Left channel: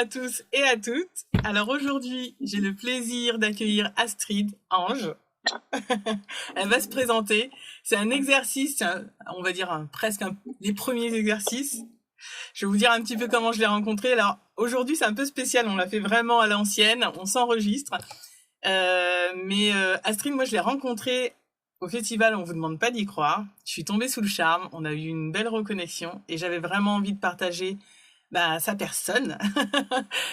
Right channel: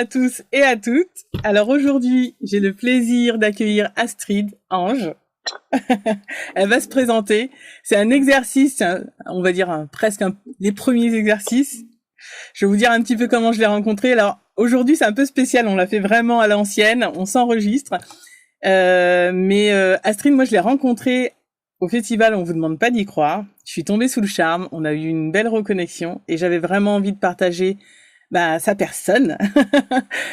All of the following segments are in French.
à tous et à toutes. Alors aujourd'hui, j'ai le plaisir d'accueillir Astrid Ange. Elle va se présenter. C'est un exercice, on va dire presque les premiers exercices. Je vais vous dire un petit peu comment je l'ai rencontrée. Alors aujourd'hui, c'est un peu spécial. On l'a fait vraiment à l'ancienne. On s'enregistre. Mais Astrid, moi, je l'ai rencontrée au festival. On vous demande pas d'y croire. Je suis tombée sous le charme. On a eu une belle reconnexion et j'avais vraiment envie de partager sa personne,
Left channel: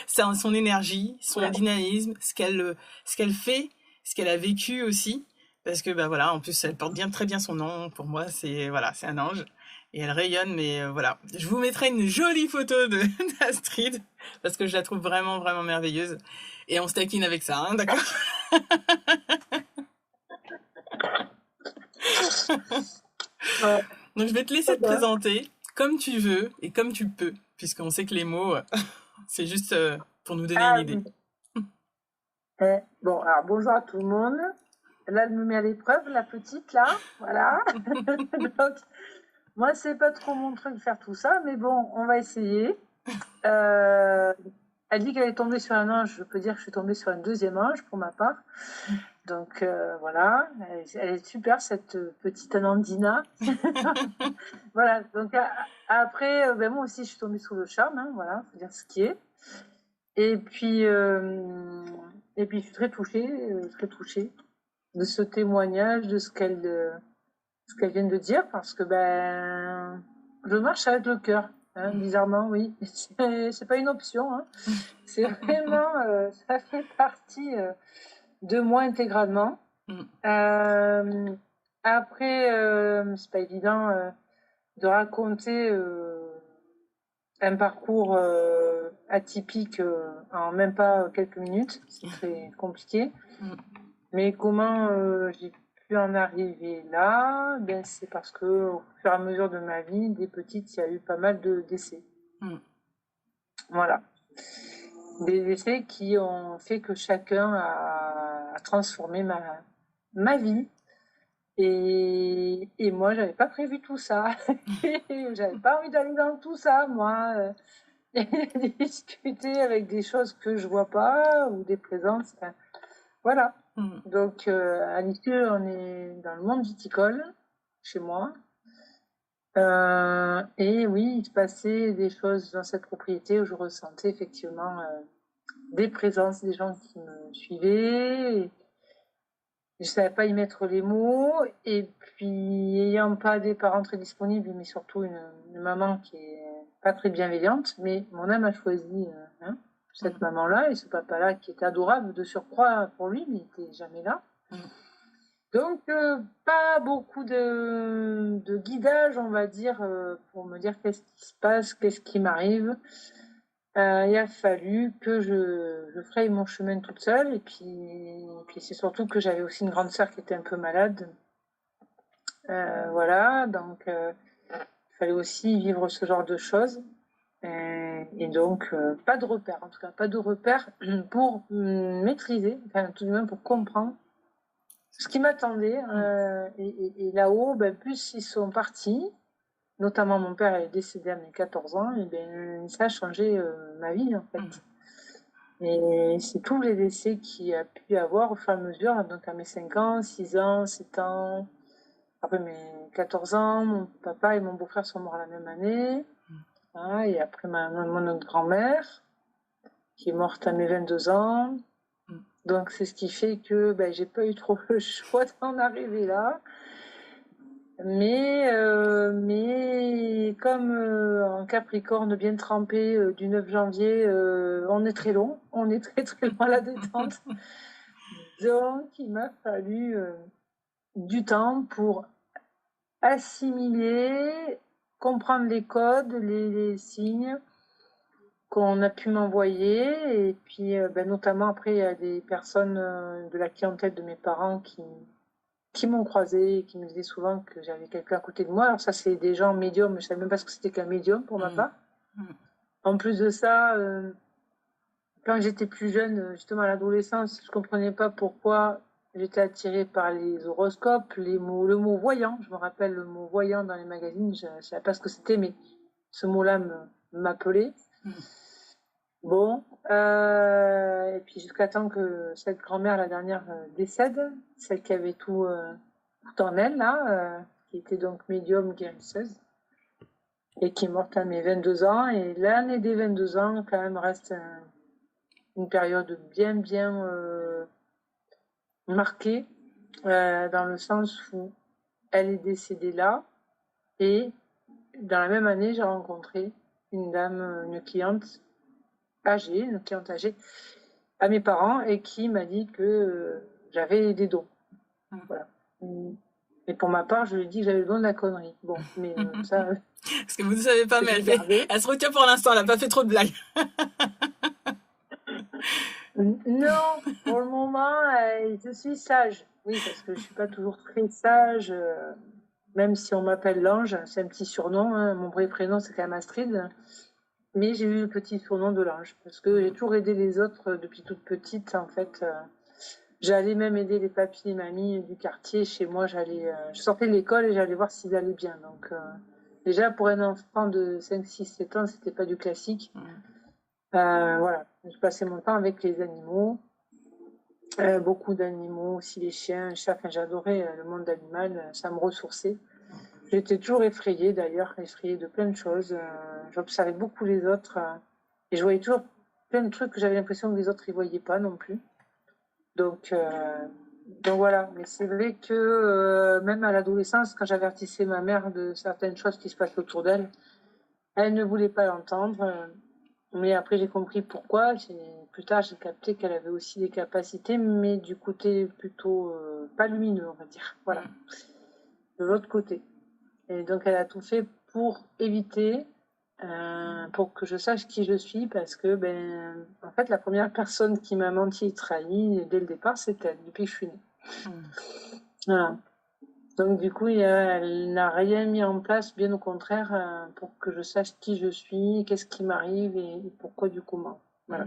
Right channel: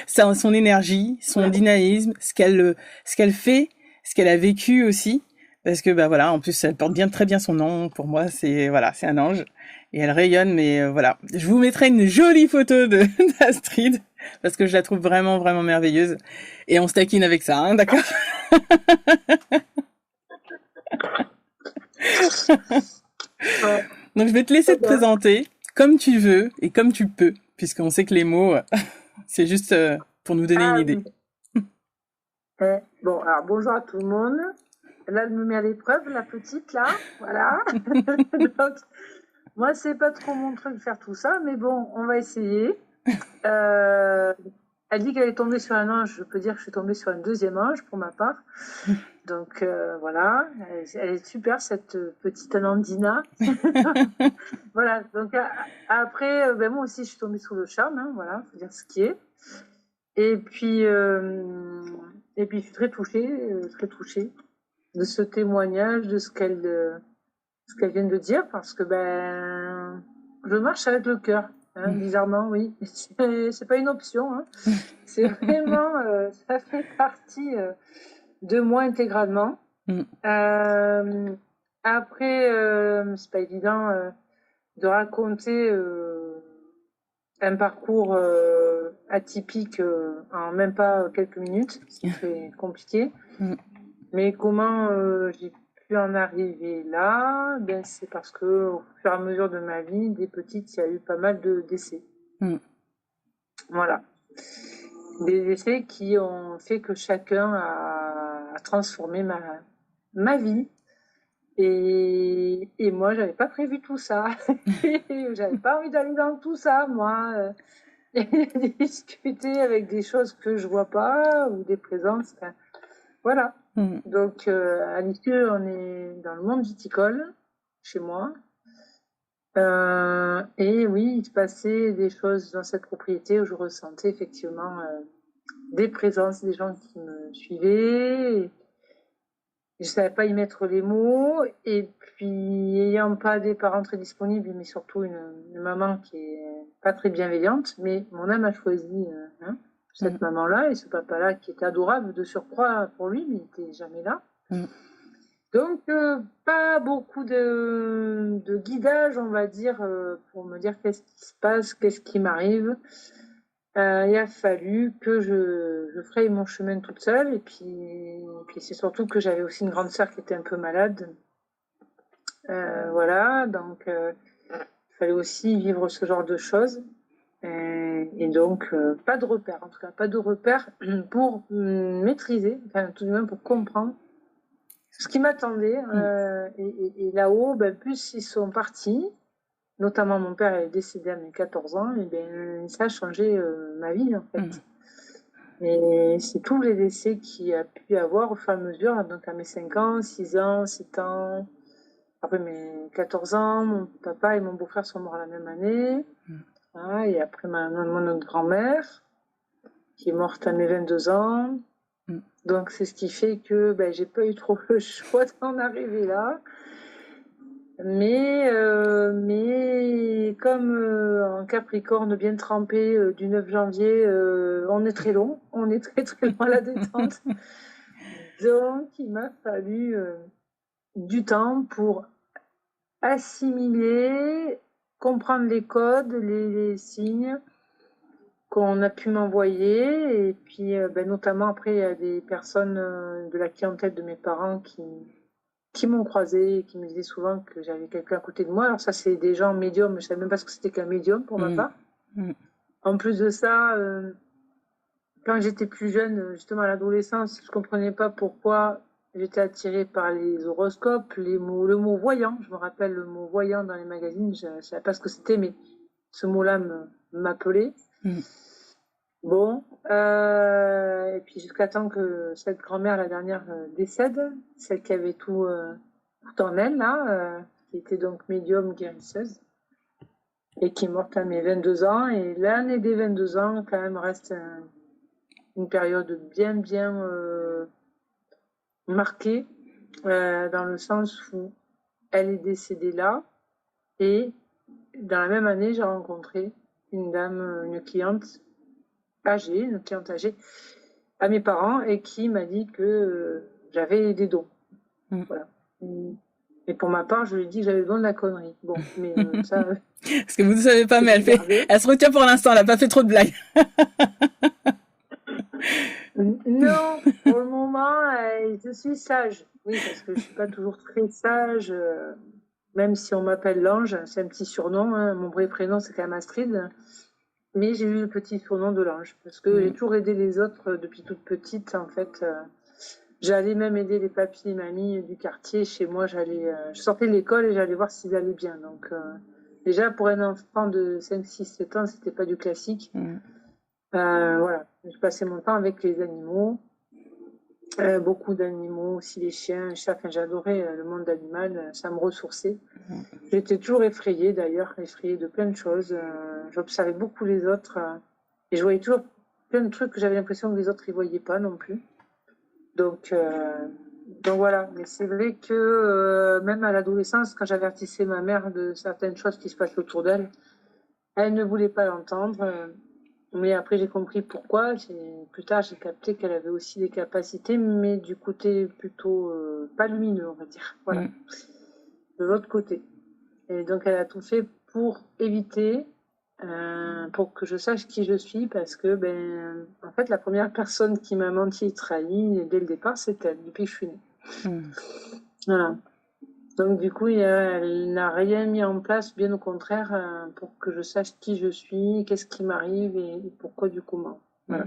son énergie, son dynamisme, ce qu'elle fait, ce qu'elle a vécu aussi. Parce que voilà, en plus elle porte très bien son nom. Pour moi, c'est un ange et elle rayonne. Mais voilà, je vous mettrai une jolie photo d'Astrid parce que je la trouve vraiment vraiment merveilleuse. Et on se taquine avec ça, hein, d'accord? Donc je vais te laisser te présenter comme tu veux et comme tu peux, puisqu'on sait que les mots, c'est juste pour nous donner une idée. Bon, alors bonjour à tout le monde. Là, elle me met à l'épreuve, la petite, là. Voilà. Donc, moi, c'est pas trop mon truc de faire tout ça, mais bon, on va essayer. Elle dit qu'elle est tombée sur un ange. Je peux dire que je suis tombée sur un deuxième ange, pour ma part. Donc, voilà. Elle est super, cette petite Anandina. Voilà. Donc, après, moi aussi, je suis tombée sous le charme. Hein, voilà, faut dire ce qui est. Et puis, je suis très touchée de ce témoignage, de ce qu'elle vient de dire, parce que je marche avec le cœur, hein, bizarrement, oui. C'est pas une option, hein. C'est vraiment, ça fait partie de moi intégralement. Après, c'est pas évident de raconter un parcours atypique en même pas quelques minutes, c'est très compliqué. Mais comment j'ai pu en arriver là? C'est parce que au fur et à mesure de ma vie, des petites, il y a eu pas mal de décès. Voilà. Des décès qui ont fait que chacun a transformé ma vie. Et moi, j'avais pas prévu tout ça. J'avais pas envie d'aller dans tout ça, moi. Discuter avec des choses que je vois pas ou des présences. Voilà. Donc, à l'issue, on est dans le monde viticole, chez moi. Et oui, il se passait des choses dans cette propriété où je ressentais effectivement des présences, des gens qui me suivaient. Et je savais pas y mettre les mots. Et puis, ayant pas des parents très disponibles, mais surtout une maman qui est pas très bienveillante, mais mon âme a choisi cette maman-là et ce papa-là qui était adorable de surcroît pour lui, mais il était jamais là. Donc, pas beaucoup de guidage, on va dire, pour me dire qu'est-ce qui se passe, qu'est-ce qui m'arrive. Il a fallu que je fraye mon chemin toute seule. Et puis c'est surtout que j'avais aussi une grande sœur qui était un peu malade. Voilà, donc il fallait aussi vivre ce genre de choses. Et donc, pas de repères, en tout cas, pas de repères pour maîtriser, enfin, tout de même pour comprendre ce qui m'attendait. Et là-haut, plus ils sont partis, notamment mon père est décédé à mes 14 ans, et ça a changé ma vie, en fait. Et c'est tous les décès qu'il y a pu avoir au fur et à mesure, donc à mes 5 ans, 6 ans, 7 ans, après mes 14 ans, mon papa et mon beau-frère sont morts la même année. Et après mon grand-mère, qui est morte à mes 22 ans. Donc, c'est ce qui fait que j'ai pas eu trop le choix d'en arriver là. Mais comme en Capricorne bien trempé du 9 janvier, on est très long. On est très très loin à la détente. Donc, il m'a fallu du temps pour assimiler, comprendre les codes, les signes qu'on a pu m'envoyer. Et puis, notamment, après, il y a des personnes de la clientèle de mes parents qui m'ont croisée et qui me disaient souvent que j'avais quelqu'un à côté de moi. Alors ça, c'est des gens médiums, mais je ne savais même pas ce que c'était qu'un médium pour ma part. En plus de ça, quand j'étais plus jeune, justement à l'adolescence, je ne comprenais pas pourquoi j'étais attirée par les horoscopes, le mot voyant. Je me rappelle le mot voyant dans les magazines, je ne savais pas ce que c'était, mais ce mot-là m'appelait. Bon, et puis jusqu'à temps que cette grand-mère, la dernière, décède, celle qui avait tout en elle, là, qui était donc médium guérisseuse, et qui est morte à mes 22 ans. Et l'année des 22 ans, quand même, reste une période bien marquée, dans le sens où elle est décédée là, et dans la même année, j'ai rencontré une dame, une cliente âgée à mes parents, et qui m'a dit que j'avais des dons. Voilà. Et pour ma part, je lui ai dit que j'avais le don de la connerie. Bon, mais ça, Parce que vous ne savez pas, je mais l'ai gardé. elle se retient pour l'instant, elle n'a pas fait trop de blagues. Non, pour le moment, je suis sage. Oui, parce que je suis pas toujours très sage, même si on m'appelle l'ange, c'est un petit surnom, hein. Mon vrai prénom, c'est quand même Astrid. Mais j'ai eu le petit surnom de l'ange, parce que j'ai toujours aidé les autres depuis toute petite, en fait. J'allais même aider les papis et mamies du quartier. Chez moi, je sortais de l'école et j'allais voir s'ils allaient bien. Donc, déjà, pour un enfant de 5, 6, 7 ans, c'était pas du classique. Voilà, je passais mon temps avec les animaux. Beaucoup d'animaux, aussi les chiens, les chats. Enfin, j'adorais le monde animal, ça me ressourçait. J'étais toujours effrayée, d'ailleurs, effrayée de plein de choses. J'observais beaucoup les autres, et je voyais toujours plein de trucs que j'avais l'impression que les autres ne voyaient pas non plus. Donc voilà. Mais c'est vrai que même à l'adolescence, quand j'avertissais ma mère de certaines choses qui se passaient autour d'elle, elle ne voulait pas l'entendre. Mais après, j'ai compris pourquoi. Plus tard, j'ai capté qu'elle avait aussi des capacités, mais du côté plutôt pas lumineux, on va dire. Voilà. De l'autre côté. Et donc, elle a tout fait pour éviter, pour que je sache qui je suis, parce que, en fait, la première personne qui m'a menti et trahi dès le départ, c'est elle, depuis que je suis née. Voilà. Donc, du coup, elle n'a rien mis en place, bien au contraire, pour que je sache qui je suis, qu'est-ce qui m'arrive et pourquoi du comment. Voilà.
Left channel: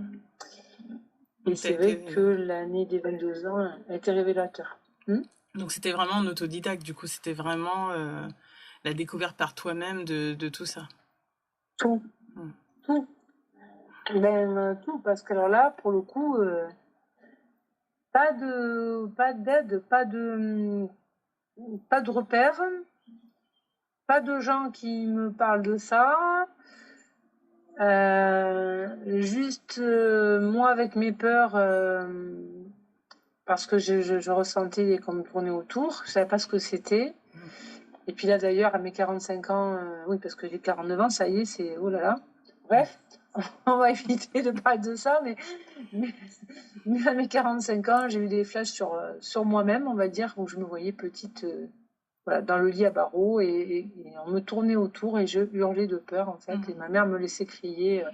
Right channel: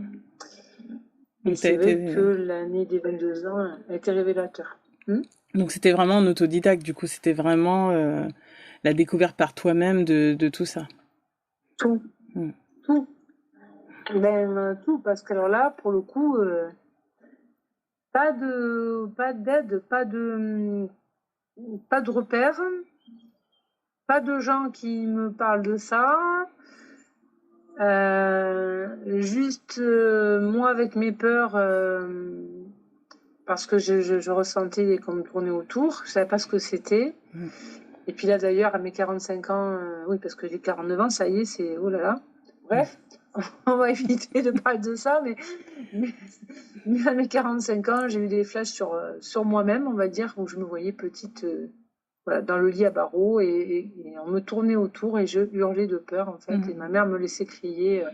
Et c'est vrai que l'année des 22 ans a été révélateur. Donc c'était vraiment en autodidacte, du coup, c'était vraiment la découverte par toi-même de tout ça. Tout. Tout. Tout, parce que alors là, pour le coup, pas d'aide, pas de repères, pas de gens qui me parlent de ça. Juste moi avec mes peurs, parce que je ressentais qu'on me tournait autour, je savais pas ce que c'était. Et puis là d'ailleurs à mes 45 ans, oui parce que j'ai 49 ans, ça y est, c'est oh là là. Bref, on va éviter de parler de ça, mais à mes 45 ans, j'ai eu des flashs sur moi-même, on va dire, où je me voyais petite, voilà, dans le lit à barreaux, et on me tournait autour et je hurlais de peur en fait, et ma mère me laissait crier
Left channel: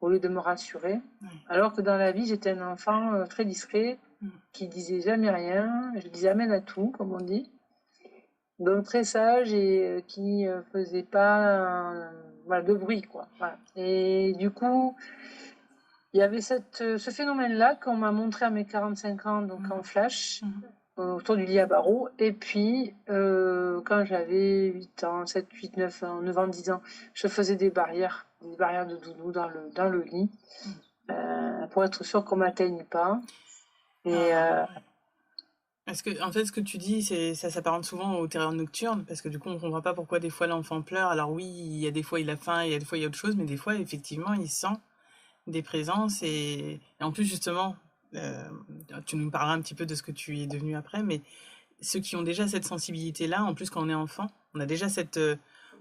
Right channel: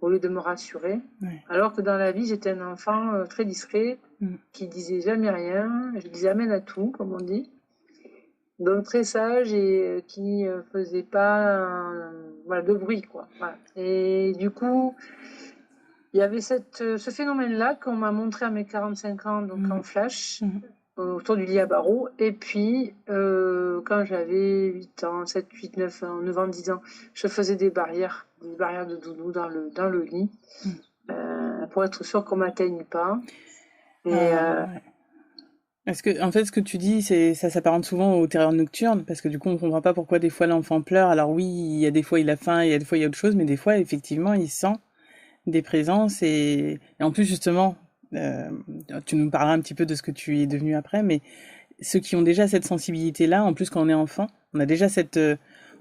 au lieu de me rassurer, alors que dans la vie j'étais un enfant très discret, qui disait jamais rien, je disais amen à tout, comme on dit, donc très sage, et qui faisait pas voilà, de bruit, quoi. Voilà. Et du coup, il y avait ce phénomène-là qu'on m'a montré à mes 45 ans, donc en flash, autour du lit à barreaux. Et puis, quand j'avais 8 ans, 7, 8, 9 ans, 9 ans, 10 ans, je faisais des barrières de doudou dans le lit, pour être sûr qu'on m'atteigne pas. Et Parce que, en fait, ce que tu dis, ça s'apparente souvent aux terreurs nocturnes, parce que du coup, on comprend pas pourquoi des fois l'enfant pleure. Alors oui, il y a des fois il a faim, il y a des fois il y a autre chose, mais des fois, effectivement, il sent des présences, et en plus, justement, tu nous parleras un petit peu de ce que tu es devenu après, mais ceux qui ont déjà cette sensibilité-là, en plus, quand on est enfant, on a déjà cette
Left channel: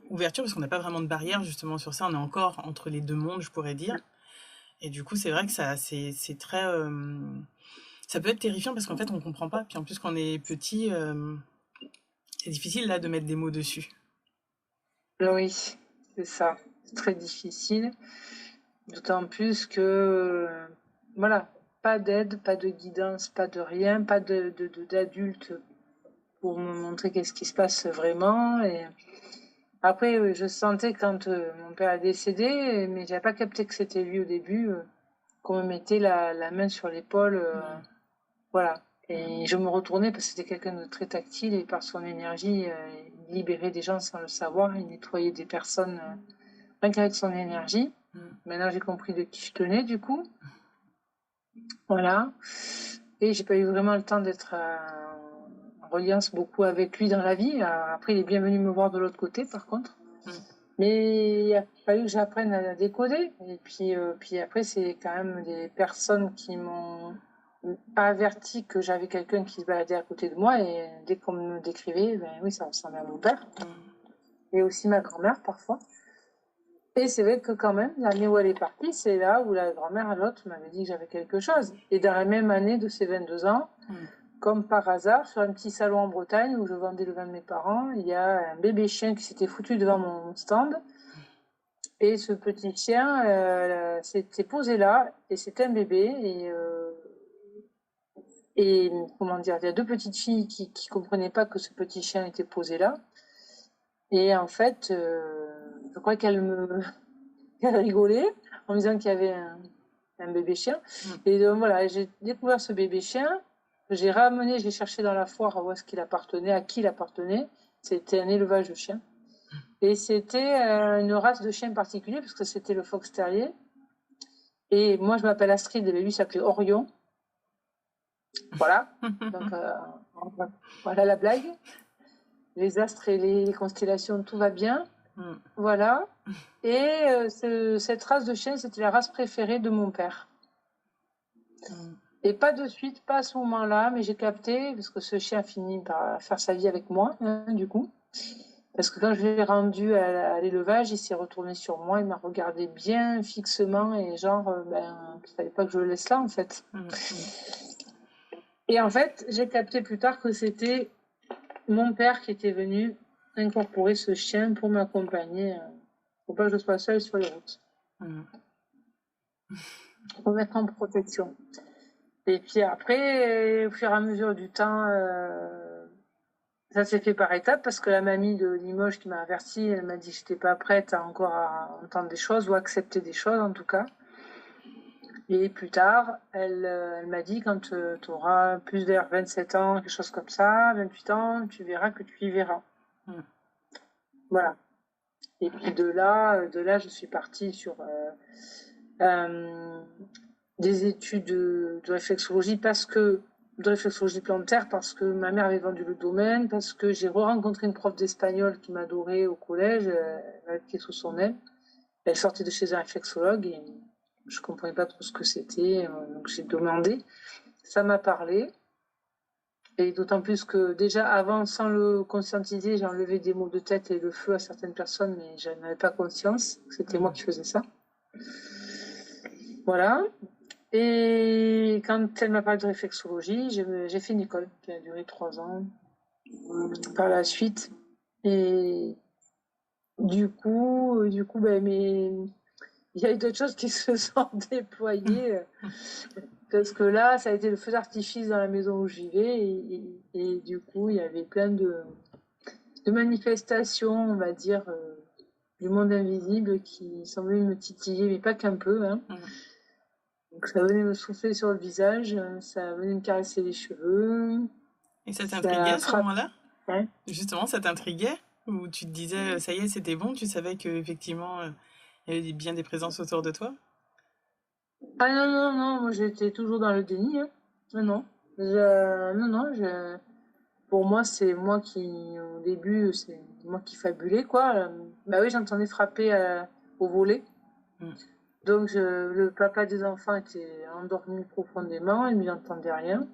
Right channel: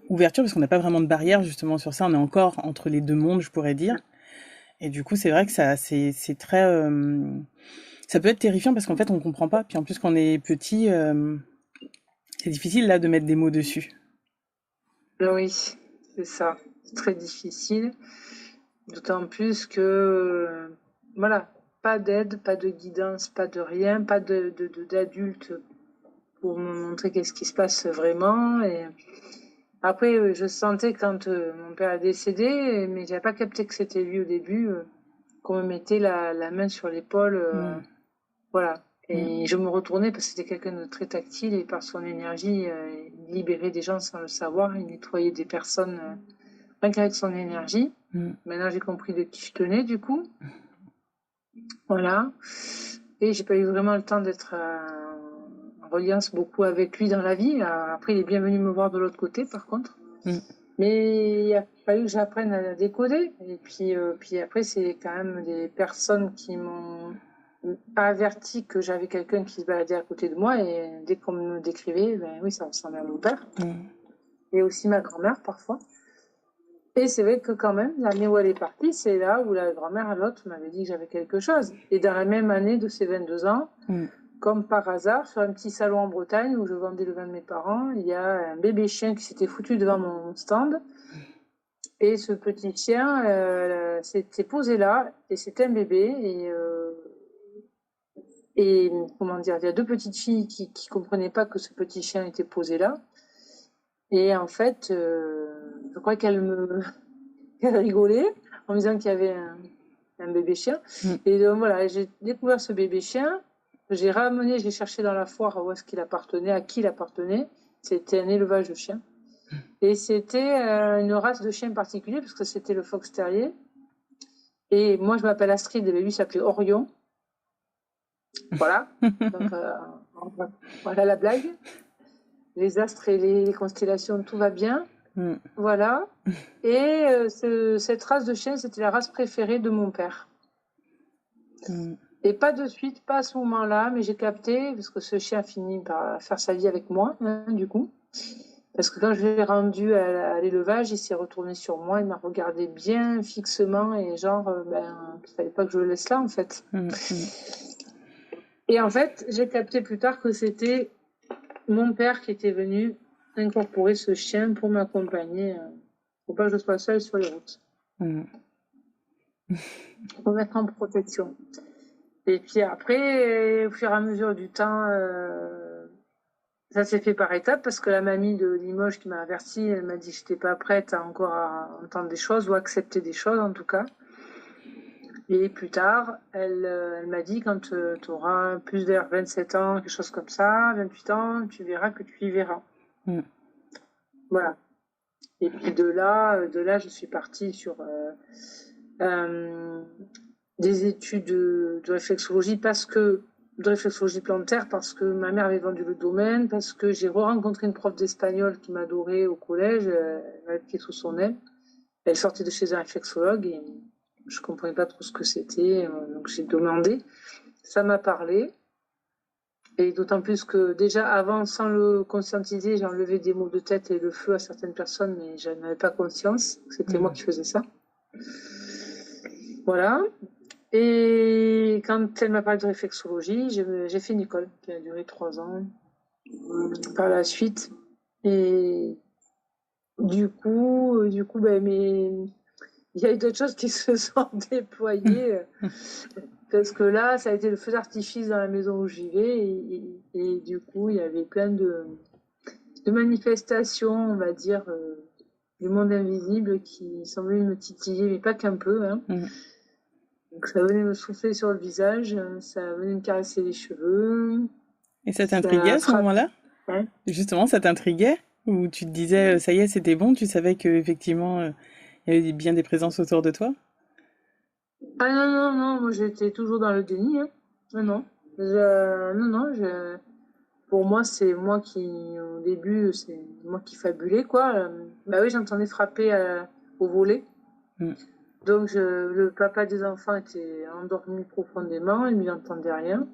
ouverture, parce qu'on n'a pas vraiment de barrière, justement, sur ça. On est encore entre les deux mondes, je pourrais dire. Et du coup, c'est vrai que c'est très... ça peut être terrifiant parce qu'en fait, on comprend pas. Puis en plus, quand on est petit, c'est difficile là de mettre des mots dessus. oui, c'est ça. C'est très difficile. D'autant plus que, voilà, pas d'aide, pas de guidance, pas de rien, pas d'adulte pour me montrer qu'est-ce qui se passe vraiment. Et après, je sentais quand mon père est décédé, mais j'avais pas capté que c'était lui au début, qu'on me mettait la main sur l'épaule, voilà. Et je me retournais parce que c'était quelqu'un de très tactile, et par son énergie, il libérait des gens sans le savoir, il nettoyait des personnes rien qu'avec son énergie. Maintenant, j'ai compris de qui je tenais, du coup. Voilà. Et j'ai pas eu vraiment le temps d'être en reliance beaucoup avec lui dans la vie. Après, il est bien venu me voir de l'autre côté, par contre. Mais il a fallu que j'apprenne à décoder. Et puis après, c'est quand même des personnes qui m'ont averti que j'avais quelqu'un qui se baladait à côté de moi. Et dès qu'on me décrivait, ben oui, ça ressemblait à mon père. Et aussi ma grand-mère, parfois. Et c'est vrai que quand même, l'année où elle est partie, c'est là où la grand-mère, l'autre, m'avait dit que j'avais quelque chose. Et dans la même année de ses 22 ans, comme par hasard, sur un petit salon en Bretagne où je vendais le vin de mes parents, il y a un bébé chien qui s'était foutu devant mon stand. Et ce petit chien s'était posé là, et c'était un bébé. Et comment dire, il y a deux petites filles qui comprenaient pas que ce petit chien était posé là. Et en fait, je crois qu'elle rigolait en me disant qu'il y avait un bébé chien. Et donc voilà, j'ai découvert ce bébé chien. J'ai ramené, je l'ai cherché dans la foire où est-ce qu'il appartenait, à qui il appartenait. C'était un élevage de chiens. Et c'était une race de chien particulier, parce que c'était le fox terrier. Et moi, je m'appelle Astrid, et lui s'appelait Orion. Voilà. Donc, voilà la blague. Les astres et les constellations, tout va bien. Voilà. Et cette race de chien, c'était la race préférée de mon père. Et pas de suite, pas à ce moment-là, mais j'ai capté, parce que ce chien a fini par faire sa vie avec moi, du coup. Parce que quand je l'ai rendu à l'élevage, il s'est retourné sur moi, il m'a regardé bien fixement et genre, il fallait pas que je le laisse là, en fait. Et en fait, j'ai capté plus tard que c'était mon père qui était venu incorporer ce chien pour m'accompagner, pour pas que je sois seule sur les routes. Pour mettre en protection. Et puis après, au fur et à mesure du temps, ça s'est fait par étapes, parce que la mamie de Limoges qui m'a avertie, elle m'a dit que j'étais pas prête encore à entendre des choses ou accepter des choses en tout cas. Et plus tard, elle m'a dit, quand tu auras plus de 27 ans, quelque chose comme ça, 28 ans, tu verras que tu y verras. Voilà. Et puis de là, je suis partie sur des études de réflexologie de réflexologie plantaire, parce que ma mère avait vendu le domaine, parce que j'ai rencontré une prof d'espagnol qui m'adorait au collège, elle m'avait pris sous son aile. Elle sortait de chez un réflexologue et je comprenais pas trop ce que c'était, donc j'ai demandé. Ça m'a parlé. Et d'autant plus que déjà avant, sans le conscientiser, j'ai enlevé des maux de tête et le feu à certaines personnes, mais je n'avais pas conscience que c'était moi qui faisais ça. Voilà. Et quand elle m'a parlé de réflexologie, j'ai fait une école qui a duré 3 ans par la suite. Et du coup, il y a eu d'autres choses qui se sont déployées. Parce que là, ça a été le feu d'artifice dans la maison où j'y vais. Et du coup, il y avait plein de manifestations, on va dire, du monde invisible qui semblaient me titiller, mais pas qu'un peu. Donc ça venait me souffler sur le visage, ça venait me caresser les cheveux. Et ça t'intriguait à ce moment-là? Justement, ça t'intriguait? Ou tu te disais, ça y est, c'était bon, tu savais qu'effectivement, il y avait bien des présences autour de toi? Ah non, moi j'étais toujours dans le déni. Non. Pour moi, c'est moi qui, au début, c'est moi qui fabulais, quoi. Bah oui, j'entendais frapper au volet. Donc, le papa des enfants était endormi profondément, il n'entendait rien.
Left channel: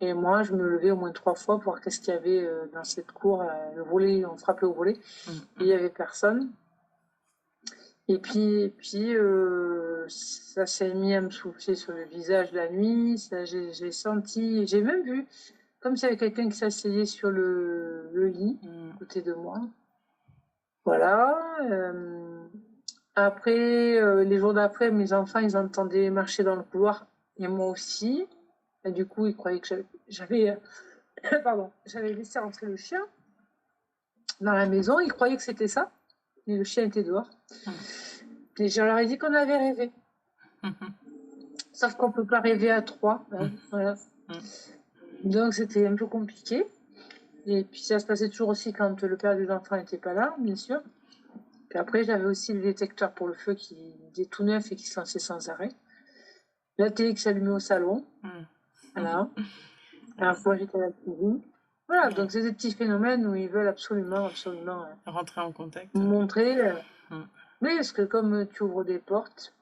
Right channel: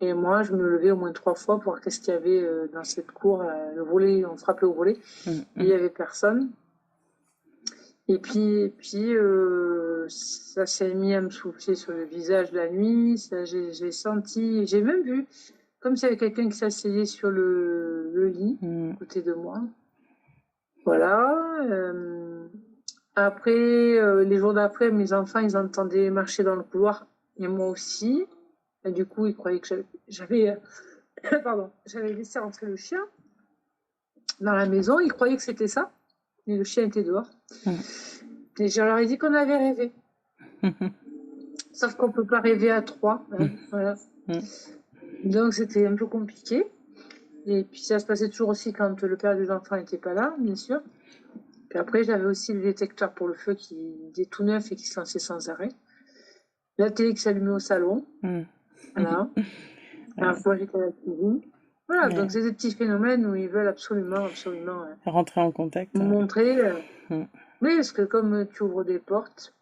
Et moi, je me levais au moins 3 fois pour voir qu'est-ce qu'il y avait dans cette cour. Le volet, on frappait au volet. Il n'y avait personne. Et puis ça s'est mis à me souffler sur le visage la nuit. J'ai senti, j'ai même vu, comme s'il y avait quelqu'un qui s'asseyait sur le lit, à côté de moi. Voilà. Après, les jours d'après, mes enfants, ils entendaient marcher dans le couloir, et moi aussi. Et du coup, ils croyaient que j'avais laissé rentrer le chien dans la maison. Ils croyaient que c'était ça, mais le chien était dehors. Et je leur ai dit qu'on avait rêvé. Sauf qu'on peut pas rêver à 3. Voilà. Donc c'était un peu compliqué. Et puis ça se passait toujours aussi quand le père des enfants n'était pas là, bien sûr. Puis après, j'avais aussi le détecteur pour le feu qui était tout neuf et qui se lançait sans arrêt. La télé qui s'allumait au salon. Voilà. La fois, j'étais à la cuisine. Voilà, donc c'est des petits phénomènes où ils veulent absolument rentrer en contact. Montrer. Oui, parce que comme tu ouvres des portes,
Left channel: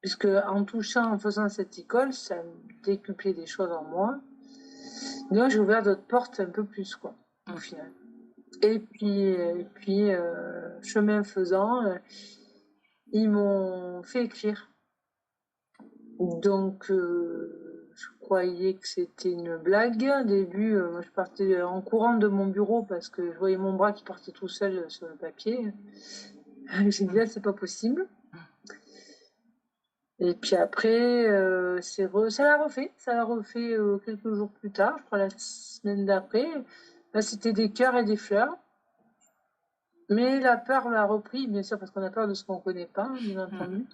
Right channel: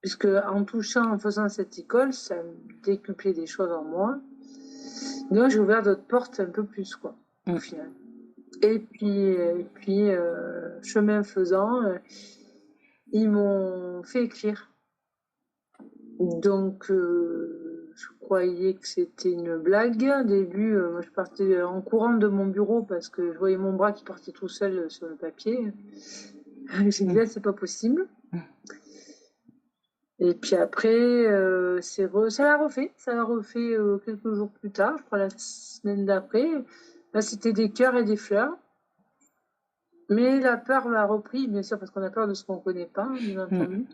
puisque en touchant, en faisant cette école, ça décuplait des choses en moi. Donc j'ai ouvert d'autres portes un peu plus, quoi, au final. Et puis chemin faisant, ils m'ont fait écrire. Donc je croyais que c'était une blague. Au début, je partais en courant de mon bureau parce que je voyais mon bras qui partait tout seul sur le papier. J'ai dit là, c'est pas possible. Et puis après, ça l'a refait. Ça l'a refait quelques jours plus tard, je crois la semaine d'après. Là, c'était des cœurs et des fleurs. Mais la peur l'a repris, bien sûr, parce qu'on a peur de ce qu'on ne connaît pas, bien entendu.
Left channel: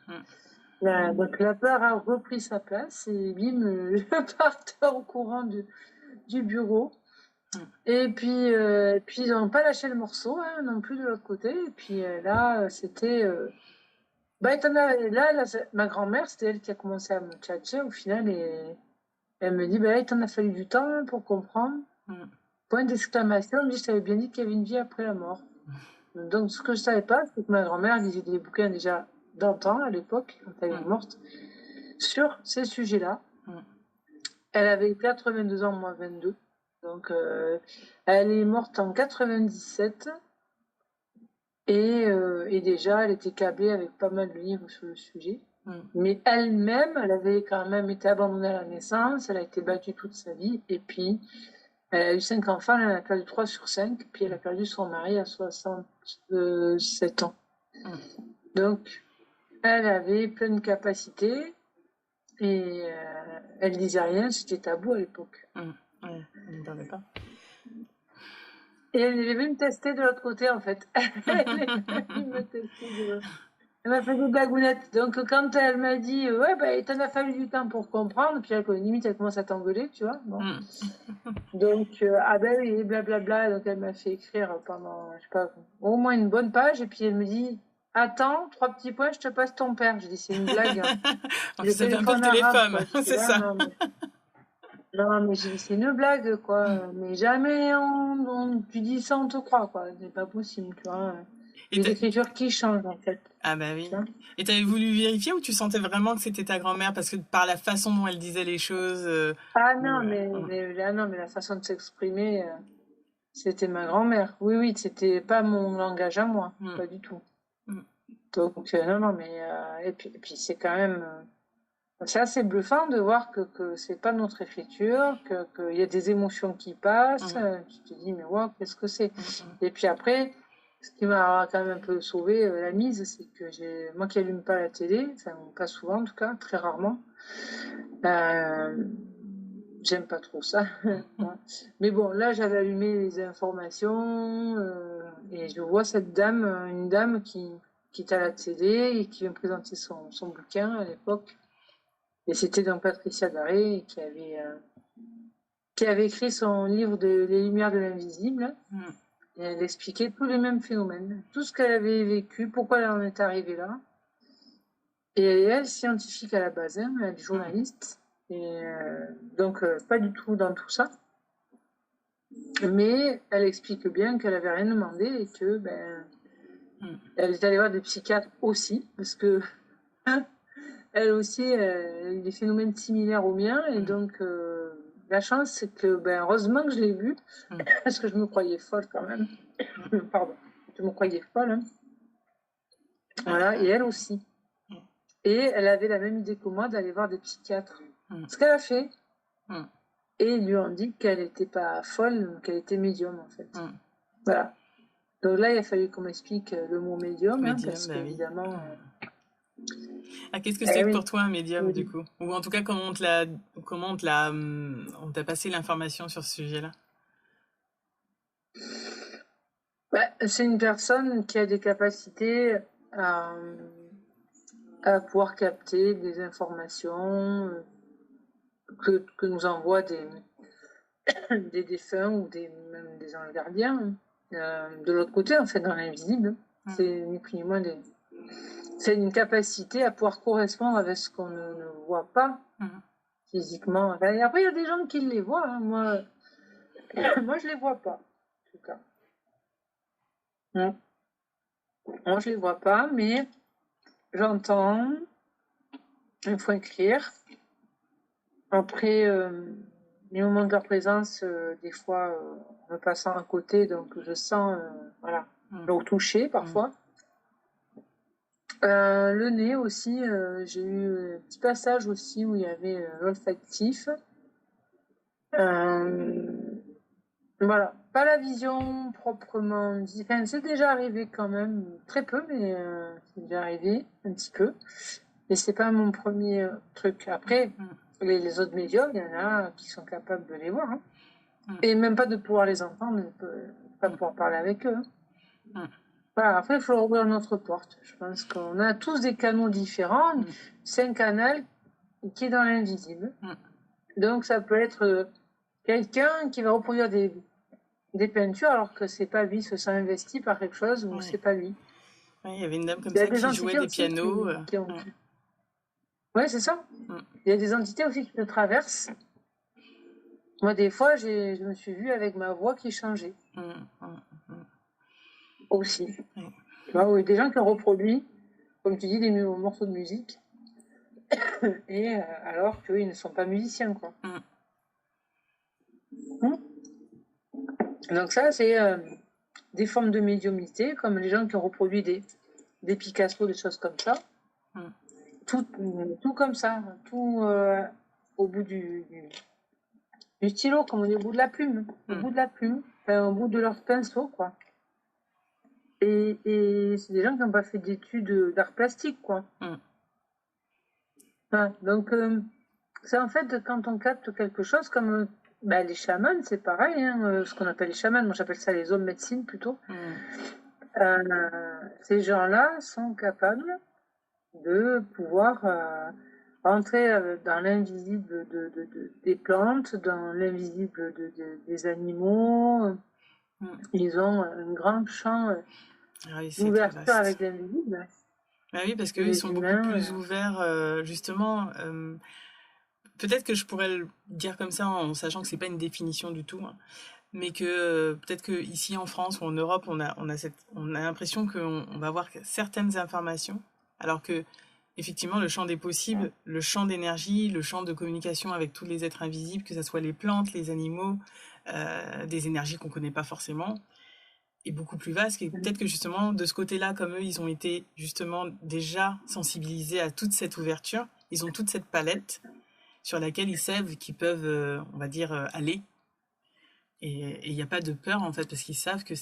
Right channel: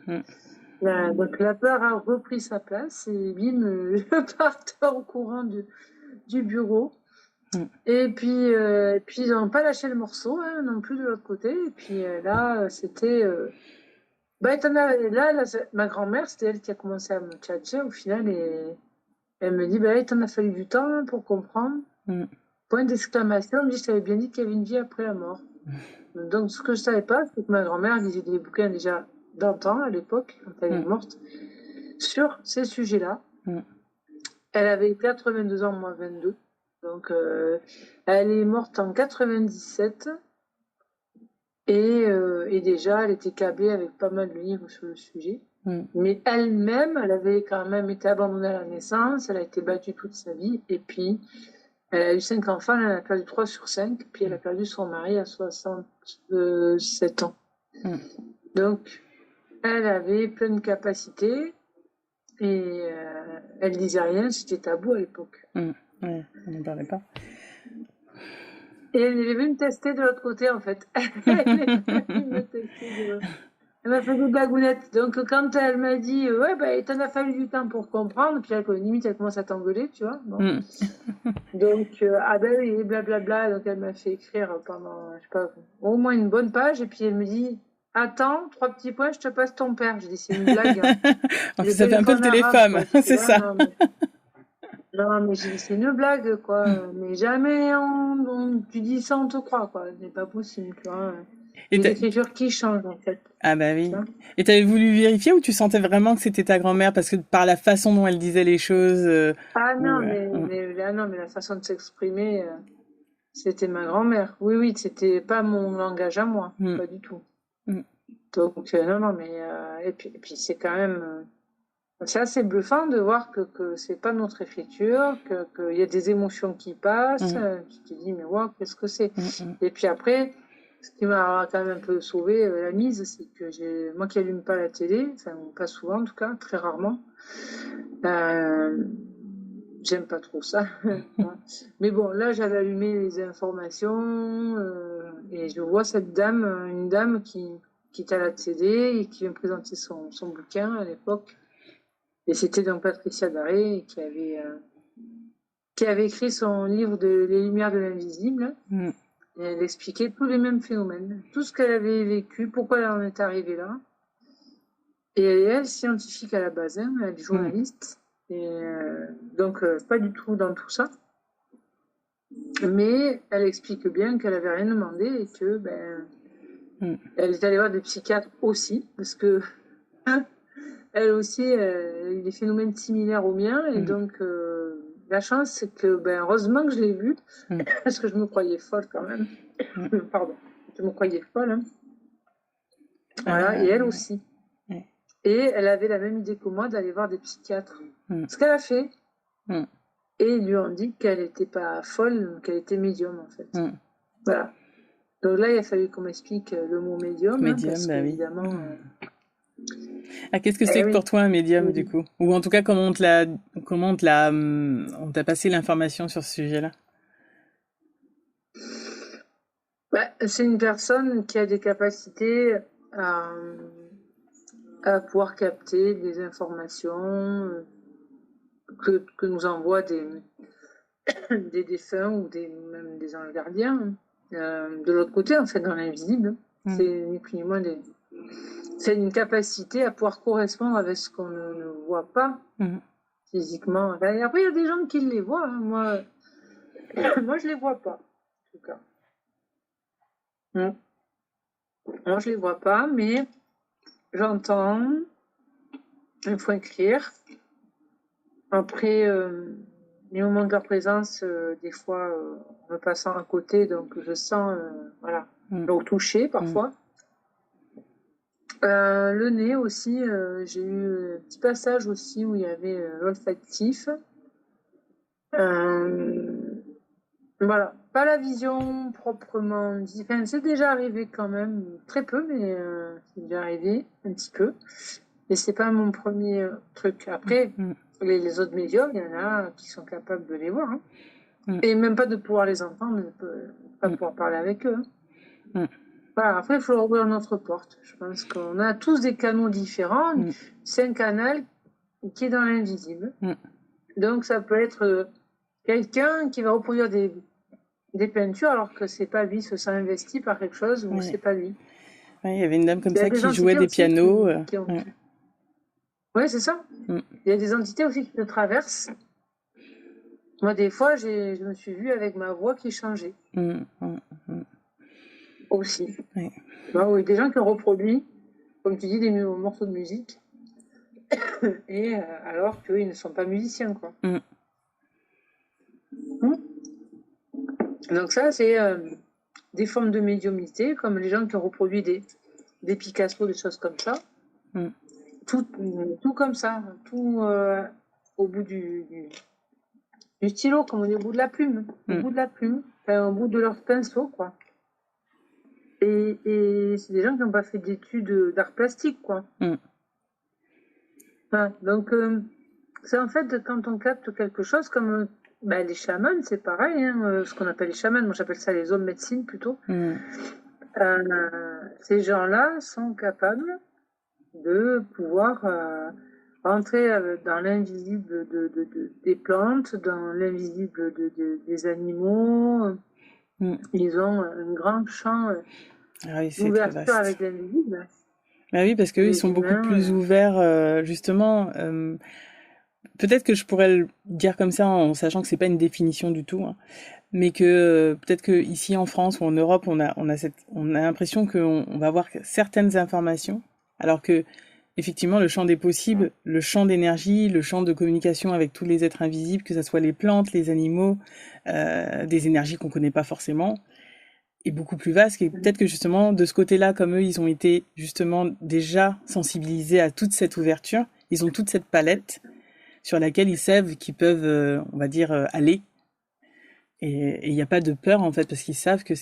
Donc la peur a repris sa place et bim, je partais au courant du bureau. Et puis ils n'ont pas lâché le morceau, hein, non plus de l'autre côté. Et puis là, c'était... là, ma grand-mère, c'était elle qui a commencé à me tchatcher au final. Et elle me dit, il t'en a fallu du temps pour comprendre. Point d'exclamation, elle me dit, je t'avais bien dit qu'il y avait une vie après la mort. Donc ce que je ne savais pas, c'est que ma grand-mère lisait des bouquins déjà d'antan, à l'époque, quand elle est morte, sur ces sujets-là. Elle avait 82 ans, moi 22. Donc, elle est morte en 97. Et déjà, elle était câblée avec pas mal de livres sur le sujet. Mais elle-même, elle avait quand même été abandonnée à la naissance. Elle a été battue toute sa vie. Et puis, elle a eu 5 enfants. Elle en a perdu 3 sur 5. Puis, elle a perdu son mari à 67 ans. Donc, elle avait plein de capacités. Et elle disait rien. C'était tabou à l'époque. Ouais, on n'en parlait pas. Et elle est venue me tester de l'autre côté, en fait. Elle est venue me tester Elle m'a fait des blagounettes. Donc, quand elle m'a dit, il t'en a fallu du temps pour comprendre, puis limite, elle commence à t'engueuler, tu vois. Bon. Donc, oui, blablabla. Donc, elle m'a fait écrire pendant, je sais pas, au moins une bonne page. Et puis, elle me dit, attends, 3 petits points, je te passe ton père. J'ai dit, c'est une blague. Hein. Ça fait un peu le téléphone, c'est ça. Non, mais j'ai dit, c'est une blague, quoi. Mais jamais tu dis ça, on te croit, quoi. C'est pas possible, tu vois. Et l'écriture qui change, en fait. Ah bah oui. Et t'avais voulu vérifier ou tu sentais vraiment que c'était ta grand-mère parce que par la façon dont elle disait les choses mais la façon de s'exprimer, c'était ma grand-mère. Oui, c'était pas mon langage à moi, pas du tout. Donc, non, mais... et puis c'est quand même... c'est assez bluffant de voir que c'est pas notre écriture, qu'il y a des émotions qui passent. Tu te dis, mais wow, qu'est-ce que c'est? Et puis après, ce qui m'a quand même un peu sauvé la mise, c'est que moi qui allume pas la télé, enfin pas souvent en tout cas, très rarement, j'aime pas trop ça. Mais bon, là j'avais allumé les informations et je vois cette dame, une dame qui est à la télé et qui vient présenter son bouquin à l'époque. Et c'était donc Patricia Daré qui avait écrit son livre Les Lumières de l'Invisible. Et elle expliquait tous les mêmes phénomènes, tout ce qu'elle avait vécu, pourquoi elle en est arrivée là. Et elle est scientifique à la base, hein, elle est journaliste. Et donc, pas du tout dans tout ça. Mais elle explique bien qu'elle n'avait rien demandé et que, elle est allée voir des psychiatres aussi, parce que elle aussi a eu des phénomènes similaires aux miens. Et donc, la chance, c'est que, heureusement que je l'ai vue, parce que je me croyais folle quand même. Pardon, je me croyais folle. Hein. Voilà, et elle aussi. Et elle avait la même idée que moi d'aller voir des psychiatres. Ce qu'elle a fait. Et ils lui ont dit qu'elle n'était pas folle, qu'elle était médium, en fait. Voilà. Donc là, il a fallu qu'on m'explique le mot médium, parce qu'évidemment... qu'est-ce que c'est pour toi un médium, du coup? Ou en tout cas, on t'a passé l'information sur ce sujet-là? C'est une personne qui a des capacités à pouvoir capter des informations que nous envoient des défunts ou même des anges gardiens, de l'autre côté, en fait, dans l'invisible. C'est ni plus ni moins c'est une capacité à pouvoir correspondre avec ce qu'on ne voit pas physiquement. Et après, il y a des gens qui les voient. Hein. Moi, je les vois pas, en tout cas. Moi, je les vois pas, mais j'entends. Il faut écrire. Après, les moments de leur présence, des fois, en me passant à côté, donc je sens, voilà, donc toucher parfois. Le nez aussi, j'ai eu un petit passage aussi où il y avait l'olfactif. Voilà, pas la vision proprement dit. Enfin, c'est déjà arrivé quand même, très peu, mais c'est déjà arrivé un petit peu. Et c'est pas mon premier truc. Après, les autres médiums, il y en a qui sont capables de les voir. Hein. Et même pas de pouvoir les entendre, de pas pouvoir parler avec eux. Voilà, après, il faut ouvrir notre porte. Je pense qu'on a tous des canaux différents. C'est un canal qui est dans l'invisible. Donc, ça peut être quelqu'un qui va reproduire des peintures alors que c'est pas lui, se sent investi par quelque chose ou c'est pas lui. Ouais, il y avait une dame comme ça qui jouait des pianos. Oui, c'est ça. Il y a des entités aussi qui te traversent. Moi, des fois, je me suis vue avec ma voix qui changeait. Aussi. Bah, oui, des gens qui ont reproduit, comme tu dis, des morceaux de musique. Et alors qu'ils ne sont pas musiciens, quoi. Donc ça, c'est des formes de médiumnité, comme les gens qui ont reproduit des Picasso, des choses comme ça. Tout comme ça, tout au bout du stylo, comme on dit, au bout de la plume, enfin, au bout de leur pinceau, quoi. Et c'est des gens qui n'ont pas fait d'études d'art plastique, quoi. Enfin, donc, c'est en fait quand on capte quelque chose, comme les chamans, c'est pareil, hein, ce qu'on appelle les chamans, moi j'appelle ça les hommes médecine plutôt. Ces gens-là sont capables de pouvoir entrer dans l'invisible des plantes, dans l'invisible des animaux. Ils ont un grand champ d'ouverture avec l'invisible. Ah oui, parce qu'eux, ils sont beaucoup plus ouverts, justement. Peut-être que je pourrais le dire comme ça en sachant que c'est pas une définition du tout, hein, mais que peut-être que ici en France ou en Europe, on a l'impression qu'on va avoir certaines informations, alors que effectivement, le champ des possibles, le champ d'énergie, le champ de communication avec tous les êtres invisibles, que ce soit les plantes, les animaux, des énergies qu'on connaît pas forcément, est beaucoup plus vaste. Et peut-être que justement, de ce côté-là, comme eux, ils ont été justement déjà sensibilisés à toute cette ouverture, ils ont toute cette palette sur laquelle ils savent qu'ils peuvent, on va dire, aller. Et il n'y a pas de peur, en fait, parce qu'ils savent que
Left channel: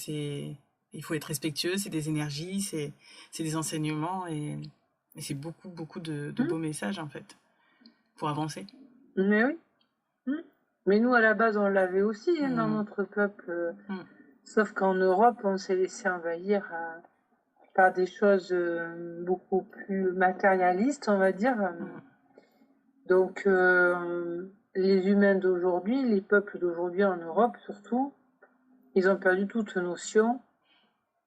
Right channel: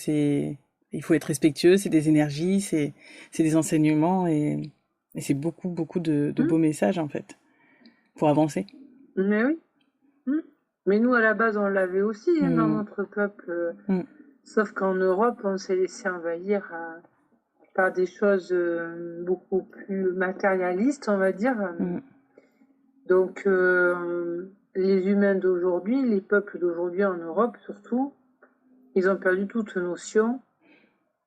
il faut être respectueux, c'est des énergies, c'est des enseignements, et c'est beaucoup, beaucoup de beaux messages, en fait, pour avancer. Mais oui. Mais nous, à la base, on l'avait aussi dans notre peuple. Sauf qu'en Europe, on s'est laissé envahir par des choses beaucoup plus matérialistes, on va dire. Donc, les humains d'aujourd'hui, les peuples d'aujourd'hui en Europe surtout, ils ont perdu toute notion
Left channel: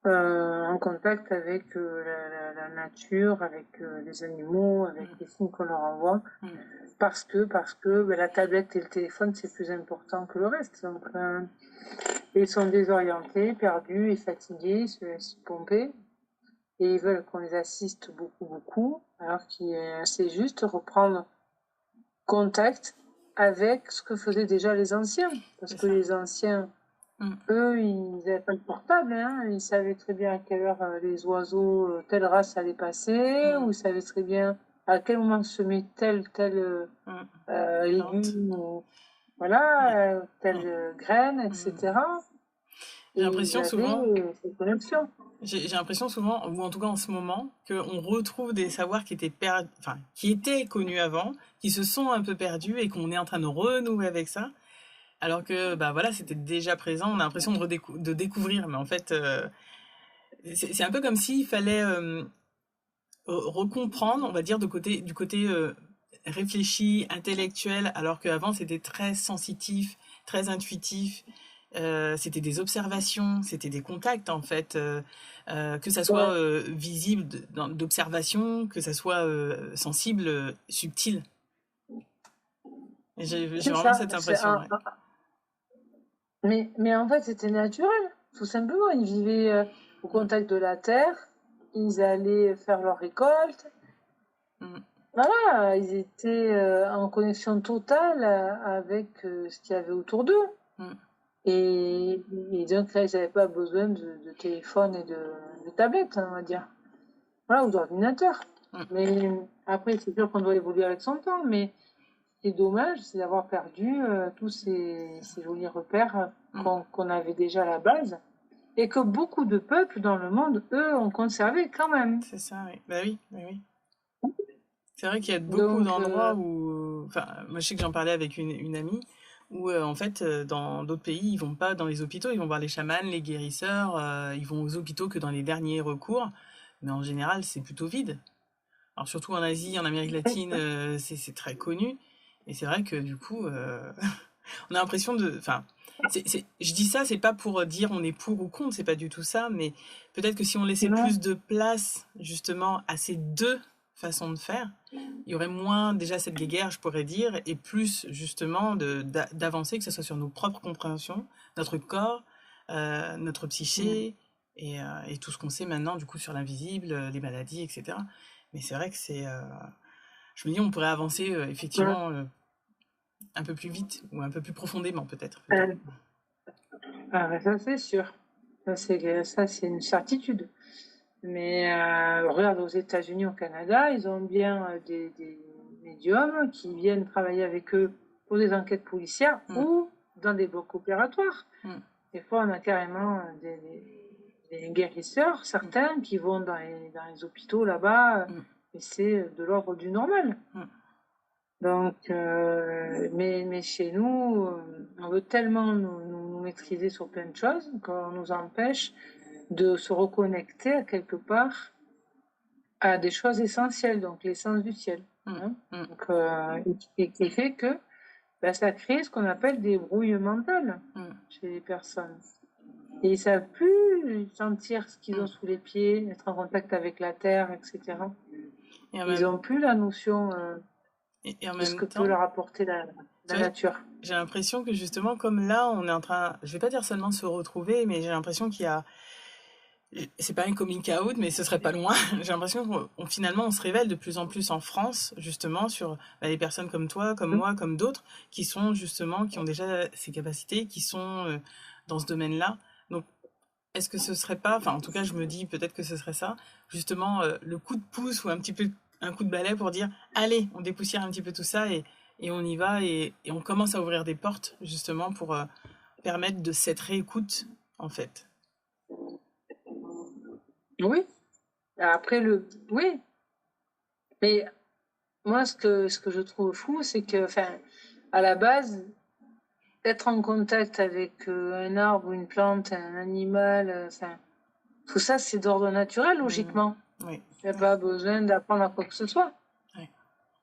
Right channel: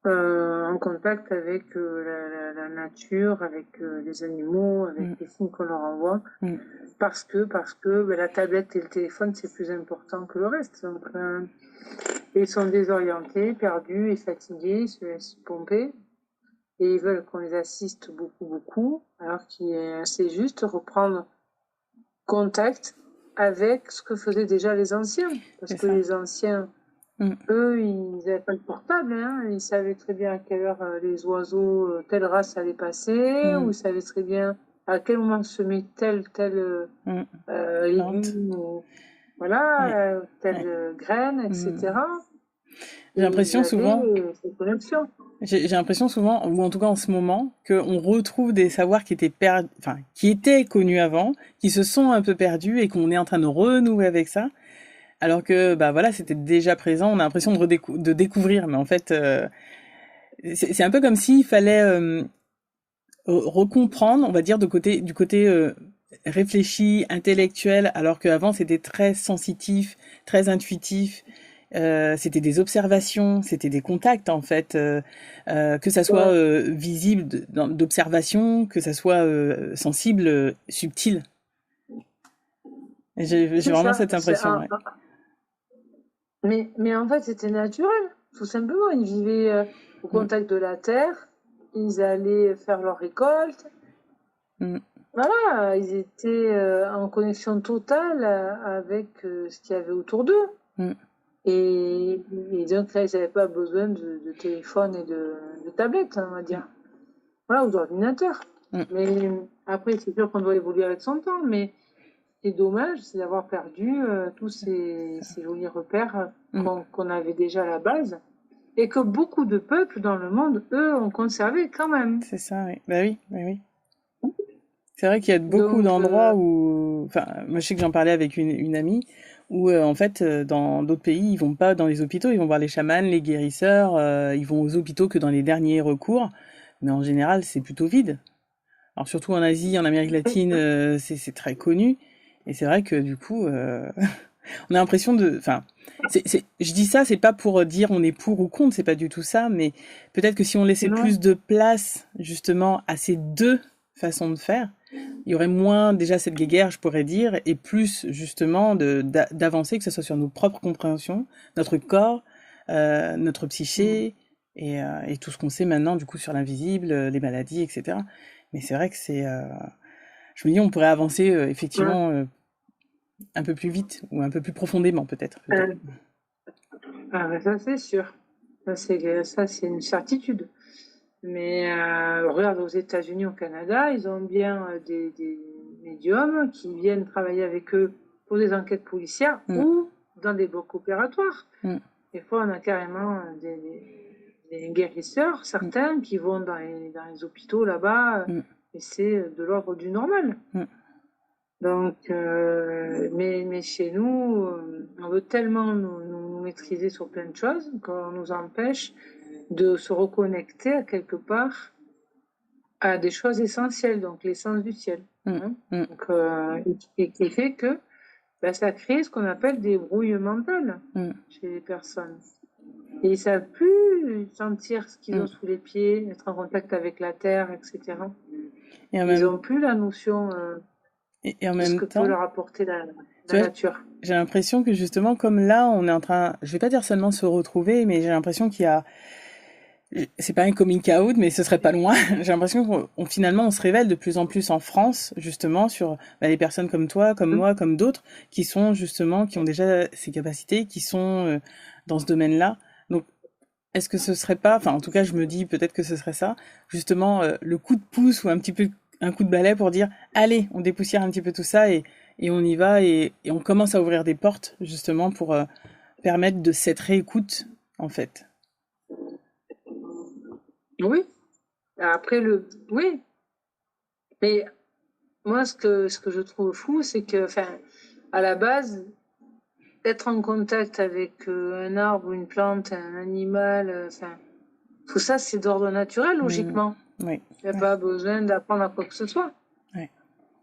en contact avec la nature, avec les animaux, avec les signes qu'on leur envoie, parce que la tablette et le téléphone, c'est plus important que le reste. Donc, ils sont désorientés, perdus et fatigués, ils se laissent pomper, et ils veulent qu'on les assiste beaucoup, beaucoup, alors que c'est juste reprendre contact avec ce que faisaient déjà les anciens, parce que les anciens, eux, ils n'avaient pas le portable, hein. Ils savaient très bien à quelle heure les oiseaux, telle race allait passer, ou ils savaient très bien à quel moment semer tel légume, ou, voilà, telle graine, etc. J'ai l'impression souvent, j'ai l'impression souvent, ou en tout cas en ce moment, qu'on retrouve des savoirs qui étaient connus avant, qui se sont un peu perdus et qu'on est en train de renouer avec ça. Alors que, voilà, c'était déjà présent, on a l'impression de découvrir, mais en fait, c'est un peu comme s'il fallait recomprendre, on va dire, du côté réfléchi, intellectuel, alors qu'avant c'était très sensitif, très intuitif, c'était des observations, c'était des contacts en fait, que ça soit Ouais, visible d'observation, que ça soit sensible, subtil. Et j'ai c'est vraiment ça. cette impression, ouais. Mais en fait, c'était naturel, tout simplement. Ils vivaient au Mm, contact de la terre, ils allaient faire leur récolte. mm, Voilà, ils étaient en connexion totale avec ce qu'il y avait autour d'eux. mm. Et donc là, ils n'avaient pas besoin de téléphone et de tablette, on va dire. Voilà, ou d'ordinateur. Mm. Mais après, c'est sûr qu'on doit évoluer avec son temps, mais ce qui est dommage, c'est d'avoir perdu tous ces jolis repères Mm. qu'on avait déjà à la base et que beaucoup de peuples dans le monde, eux, ont conservé quand même. C'est ça, oui. Bah oui, bah oui. C'est vrai qu'il y a beaucoup Donc, d'endroits où, enfin, moi je sais que j'en parlais avec une amie, où en fait, dans d'autres pays, ils vont pas dans les hôpitaux, ils vont voir les chamans, les guérisseurs, ils vont aux hôpitaux que dans les derniers recours, mais en général, c'est plutôt vide. Alors surtout en Asie, en Amérique latine, c'est très connu, et c'est vrai que du coup, on a l'impression de, enfin, je dis ça, c'est pas pour dire on est pour ou contre, c'est pas du tout ça, mais peut-être que si on laissait non, plus de place justement à ces deux façons de faire, il y aurait moins déjà cette guéguerre, je pourrais dire, et plus justement d'avancer, que ce soit sur nos propres compréhensions, notre corps, notre psyché, et tout ce qu'on sait maintenant du coup sur l'invisible, les maladies, etc. Mais c'est vrai que je me dis, on pourrait avancer effectivement un peu plus vite ou un peu plus profondément peut-être plutôt. ça c'est sûr. Ça, c'est une certitude. Mais regarde, aux États-Unis, au Canada, ils ont bien des médiums qui viennent travailler avec eux pour des enquêtes policières Mm, ou dans des blocs opératoires. mm, Des fois, on a carrément des guérisseurs, certains, qui vont dans les hôpitaux là-bas, mm, et c'est de l'ordre du normal. mm. Donc, mais chez nous, on veut tellement nous maîtriser sur plein de choses qu'on nous empêche de se reconnecter à quelque part à des choses essentielles, donc l'essence du ciel. Hein. Mm, Donc, et qui fait que ça crée ce qu'on appelle des brouilles mentales mm, chez les personnes. Et ils ne savent plus sentir ce qu'ils ont mm. sous les pieds, être en contact avec la terre, etc. Et en Ils même, n'ont plus la notion et en de ce même que peut temps, leur apporter tu la vois, nature. j'ai l'impression que justement, comme là, on est en train, je vais pas dire seulement se retrouver, mais j'ai l'impression qu'il y a, c'est pas un coming out, mais ce serait pas loin. J'ai l'impression finalement, on se révèle de plus en plus en France, justement, sur les personnes comme toi, comme moi, comme d'autres, qui sont justement, qui ont déjà ces capacités, qui sont dans ce domaine-là. Donc, est-ce que ce serait pas, enfin, en tout cas, je me dis peut-être que ce serait ça, justement, le coup de pouce ou un petit peu un coup de balai pour dire, allez, on dépoussière un petit peu tout ça et on y va et on commence à ouvrir des portes, justement, pour permettre de cette réécoute, en fait. Oui. Après, oui. Mais moi, ce que je trouve fou, c'est que, à la base, être en contact avec un arbre, une plante, un animal, tout ça, c'est d'ordre naturel, Mm. logiquement. Oui. Il n'y a pas besoin d'apprendre à quoi que ce soit. Ouais.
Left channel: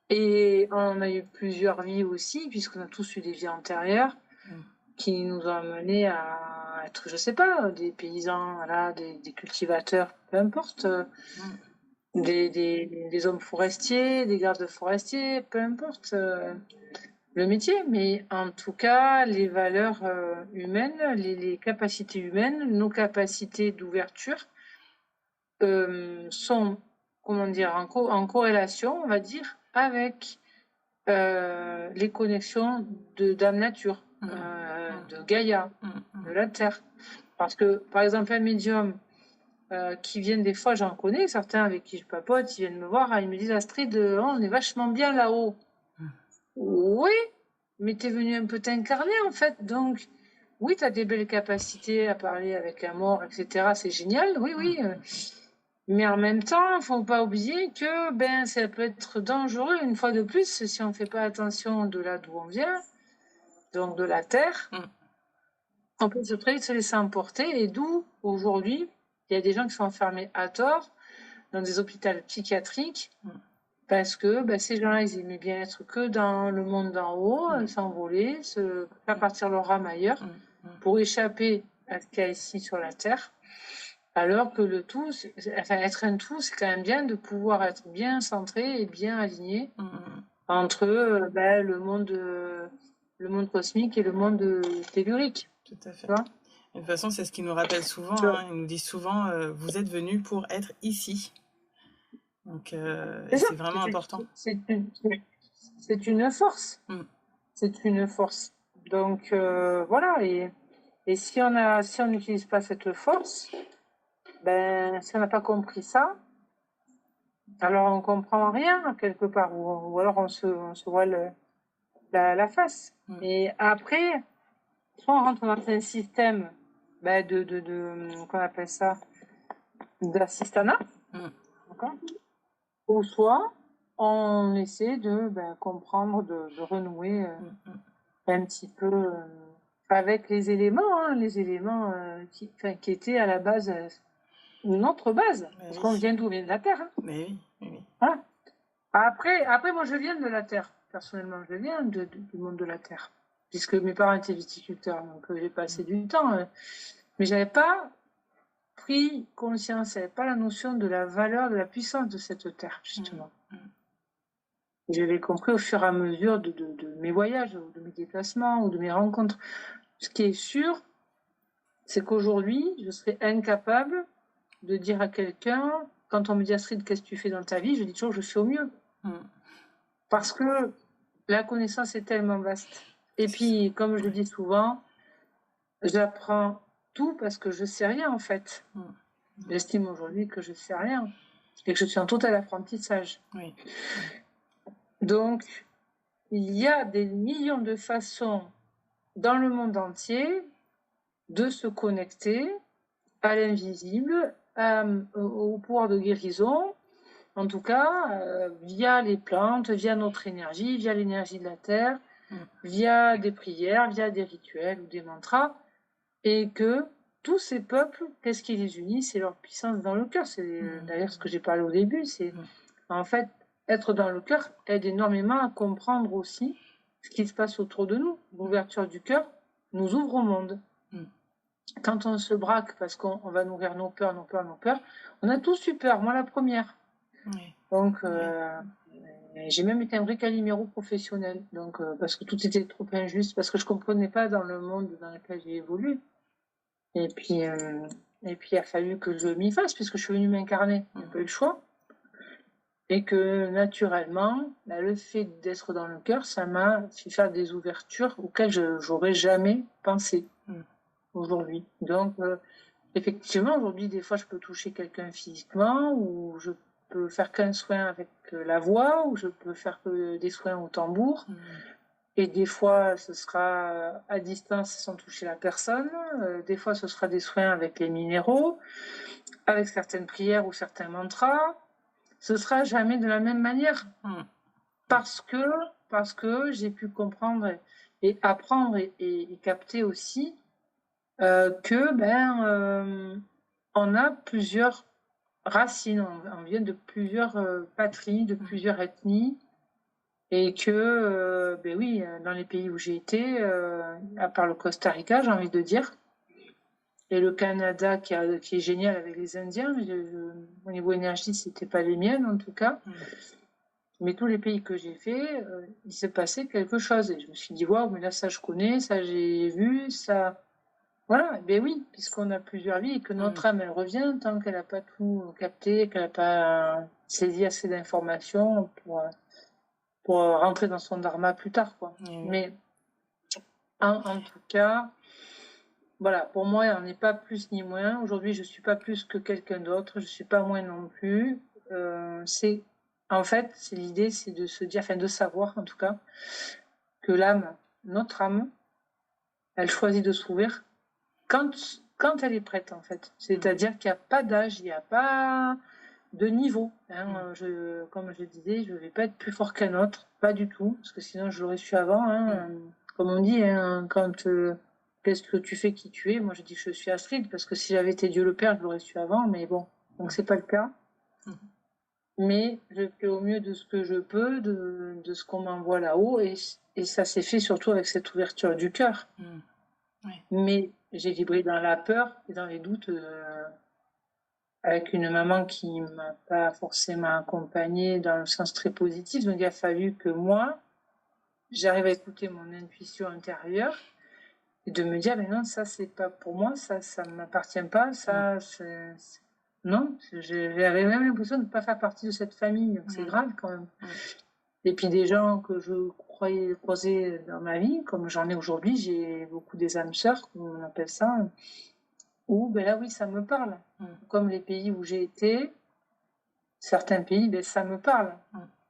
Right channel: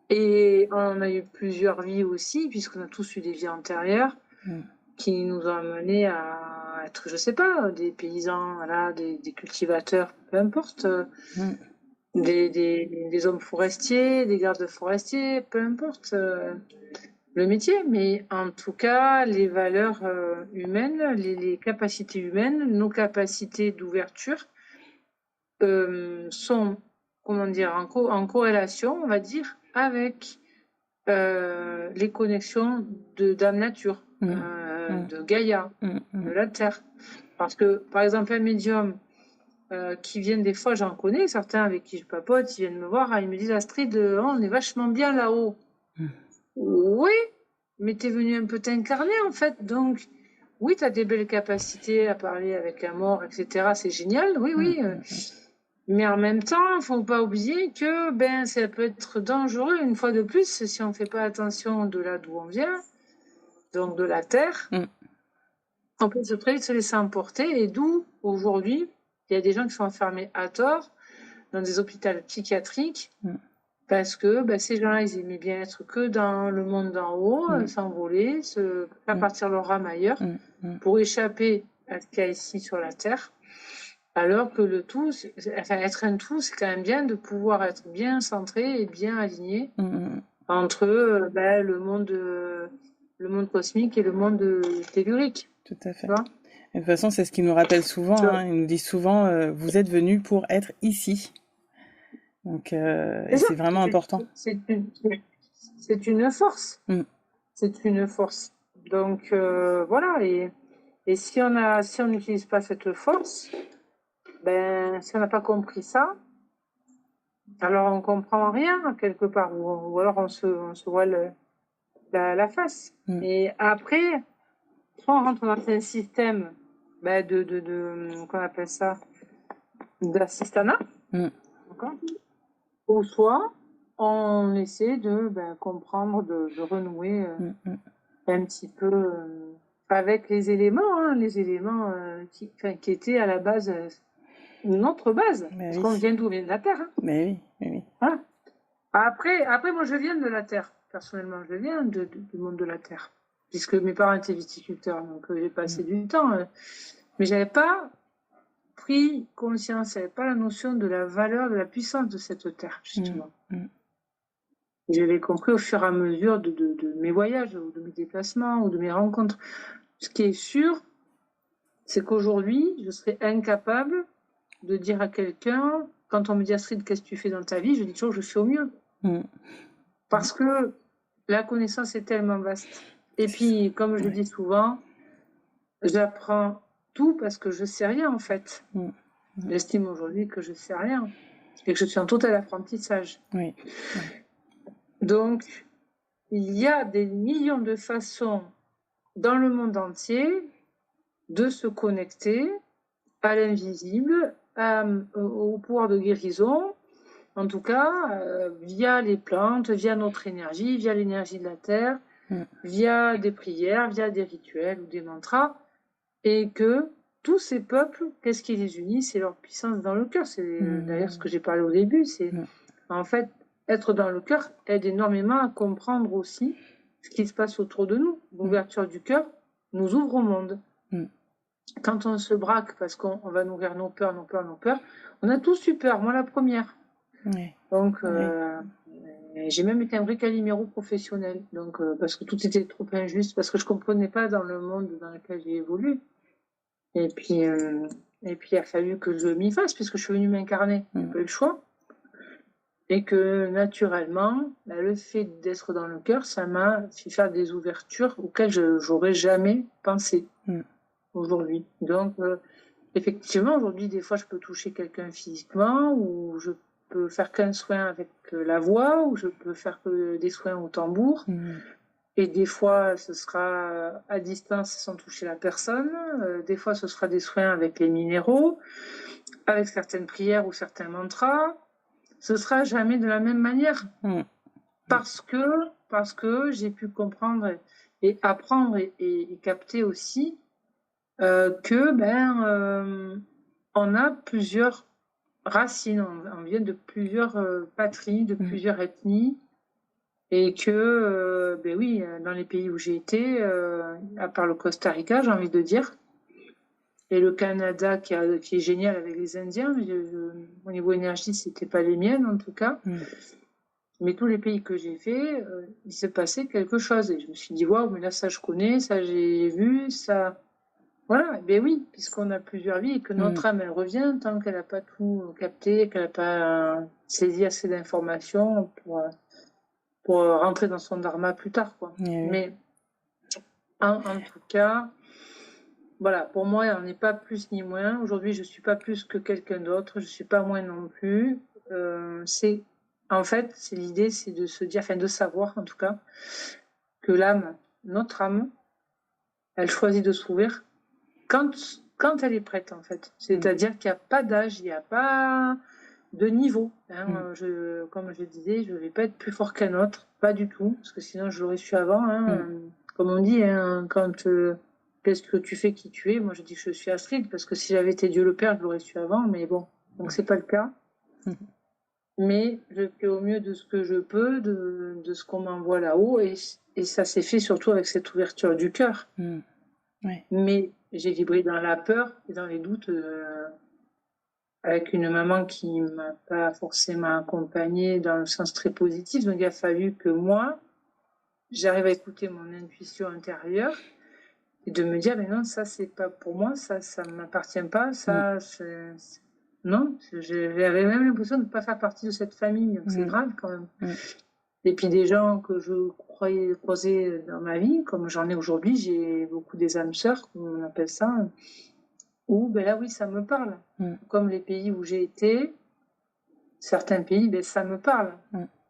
Et on a eu plusieurs vies aussi, puisqu'on a tous eu des vies antérieures Mm. qui nous ont amenés à être, je sais pas, des paysans, voilà, des cultivateurs, peu importe, Mm. des hommes forestiers, des gardes forestiers, peu importe le métier. Mais en tout cas, les valeurs humaines, les capacités humaines, nos capacités d'ouverture sont, comment dire, en corrélation, on va dire, avec les connexions de Dame Nature, Mm. Mm. de Gaïa, Mm. de Mm. la Terre. Parce que, par exemple, un médium qui viennent des fois, j'en connais certains avec qui je papote, ils viennent me voir, ils me disent Astrid, on est vachement bien là-haut. Mm. Oui, mais t'es venu un peu t'incarner en fait, donc oui, t'as des belles capacités à parler avec un mort, etc. C'est génial, oui, oui. Mais en même temps, faut pas oublier que ça peut être dangereux une fois de plus si on fait pas attention de là d'où on vient, donc de la terre. Mm. On peut très vite se laisser emporter et d'où aujourd'hui il y a des gens qui sont enfermés à tort dans des hôpitaux psychiatriques Mm. Parce que ces gens-là, ils aimaient bien être que dans le monde d'en haut, s'envoler, faire partir leur âme ailleurs, pour échapper à ce qu'il y a ici sur la Terre. Alors que le tout, être un tout, c'est quand même bien de pouvoir être bien centré et bien aligné entre le monde cosmique et le monde tellurique. Tout à fait. De toute façon, c'est ce qu'ils nous rappellent souvent. Ils nous disent souvent, vous êtes venus pour être ici. Donc, c'est vraiment important. C'est une force. C'est une force. Donc, voilà. Et si on n'utilise pas cette force, si on n'a pas compris ça, alors on comprend rien quelque part, ou alors on se voit la face. Et après, soit on rentre dans un système qu'on appelle ça d'assistanat, ou soit on essaie de comprendre, de renouer un petit peu avec les éléments, qui étaient à la base notre base, parce qu'on vient d'où? On vient de la Terre. Mais oui. Voilà. Après, moi, je viens de la Terre. Personnellement, je viens du monde de la Terre, puisque mes parents étaient viticulteurs, donc j'ai passé du temps. Mais j'avais pas pris conscience, j'avais pas la notion de la valeur, de la puissance de cette Terre, justement. Je l'ai compris au fur et à mesure de mes voyages, ou de mes déplacements, ou de mes rencontres. Ce qui est sûr, c'est qu'aujourd'hui, je serais incapable de dire à quelqu'un, quand on me dit Astrid, qu'est-ce que tu fais dans ta vie, je dis toujours je fais au mieux. Parce que la connaissance est tellement vaste. Et puis, comme je le dis souvent, j'apprends tout parce que je sais rien en fait. J'estime aujourd'hui que je sais rien et que je suis en total apprentissage. Donc, il y a des millions de façons dans le monde entier de se connecter à l'invisible, au pouvoir de guérison, en tout cas, via les plantes, via notre énergie, via l'énergie de la Terre, via des prières, via des rituels ou des mantras, et que tous ces peuples, qu'est-ce qui les unit? C'est leur puissance dans le cœur. C'est d'ailleurs ce que j'ai parlé au début, c'est en fait, être dans le cœur aide énormément à comprendre aussi ce qui se passe autour de nous. L'ouverture du cœur nous ouvre au monde. Quand on se braque parce qu'on va nourrir nos peurs, on a tous eu peur, moi la première. Donc, j'ai même été un vrai Calimero professionnel, donc, parce que tout était trop injuste, parce que je ne comprenais pas dans le monde dans lequel j'ai évolué. Et puis, il a fallu que je m'y fasse, puisque je suis venue m'incarner, j'ai pas eu le choix. Et que naturellement, le fait d'être dans le cœur, ça m'a fait faire des ouvertures auxquelles je n'aurais jamais pensé aujourd'hui. Donc, effectivement, aujourd'hui, des fois, je peux toucher quelqu'un physiquement, ou je peux faire qu'un soin avec la voix, ou je peux faire que des soins au tambour. Et des fois, ce sera à distance sans toucher la personne. Des fois, ce sera des soins avec les minéraux, avec certaines prières ou certains mantras. Ce sera jamais de la même manière. Parce que j'ai pu comprendre et apprendre et capter aussi que on a plusieurs racines, on vient de plusieurs patries, de plusieurs ethnies, et que oui, dans les pays où j'ai été, à part le Costa Rica, j'ai envie de dire, et le Canada qui est génial avec les Indiens, au niveau énergie, c'était pas les miennes en tout cas. Mais tous les pays que j'ai fait, il s'est passé quelque chose, et je me suis dit waouh, mais là ça je connais, ça j'ai vu, ça. Voilà, oui, puisqu'on a plusieurs vies et que notre âme, elle revient tant qu'elle n'a pas tout capté, qu'elle n'a pas saisi assez d'informations pour rentrer dans son dharma plus tard, quoi. Mais en tout cas, voilà, pour moi, on n'est pas plus ni moins. Aujourd'hui, je ne suis pas plus que quelqu'un d'autre, je ne suis pas moins non plus. En fait, l'idée, c'est de se dire, de savoir en tout cas, que l'âme, notre âme, elle choisit de s'ouvrir quand elle est prête, en fait. C'est-à-dire qu'il n'y a pas d'âge, il n'y a pas de niveau. Comme je le disais, je ne vais pas être plus fort qu'un autre, pas du tout, parce que sinon je l'aurais su avant. Comme on dit, qu'est-ce que tu fais, qui tu es? Moi, je dis que je suis Astrid, parce que si j'avais été Dieu le Père, je l'aurais su avant, mais bon, donc c'est pas le cas. mais je fais au mieux de ce que je peux, de ce qu'on m'envoie là-haut, et ça s'est fait surtout avec cette ouverture du cœur. Ouais. Mais j'ai vibré dans la peur et dans les doutes, avec une maman qui m'a pas forcément accompagnée dans le sens très positif. Donc il a fallu que moi, j'arrive à écouter mon intuition intérieure et de me dire, mais non, ça c'est pas pour moi, ça m'appartient pas, ça non, j'avais même l'impression de ne pas faire partie de cette famille, donc c'est grave quand même. Et puis des gens que je croyais croiser dans ma vie, comme j'en ai aujourd'hui, j'ai beaucoup des âmes sœurs, comme on appelle ça, où ben là oui, ça me parle. Comme les pays où j'ai été, certains pays, ben ça me parle.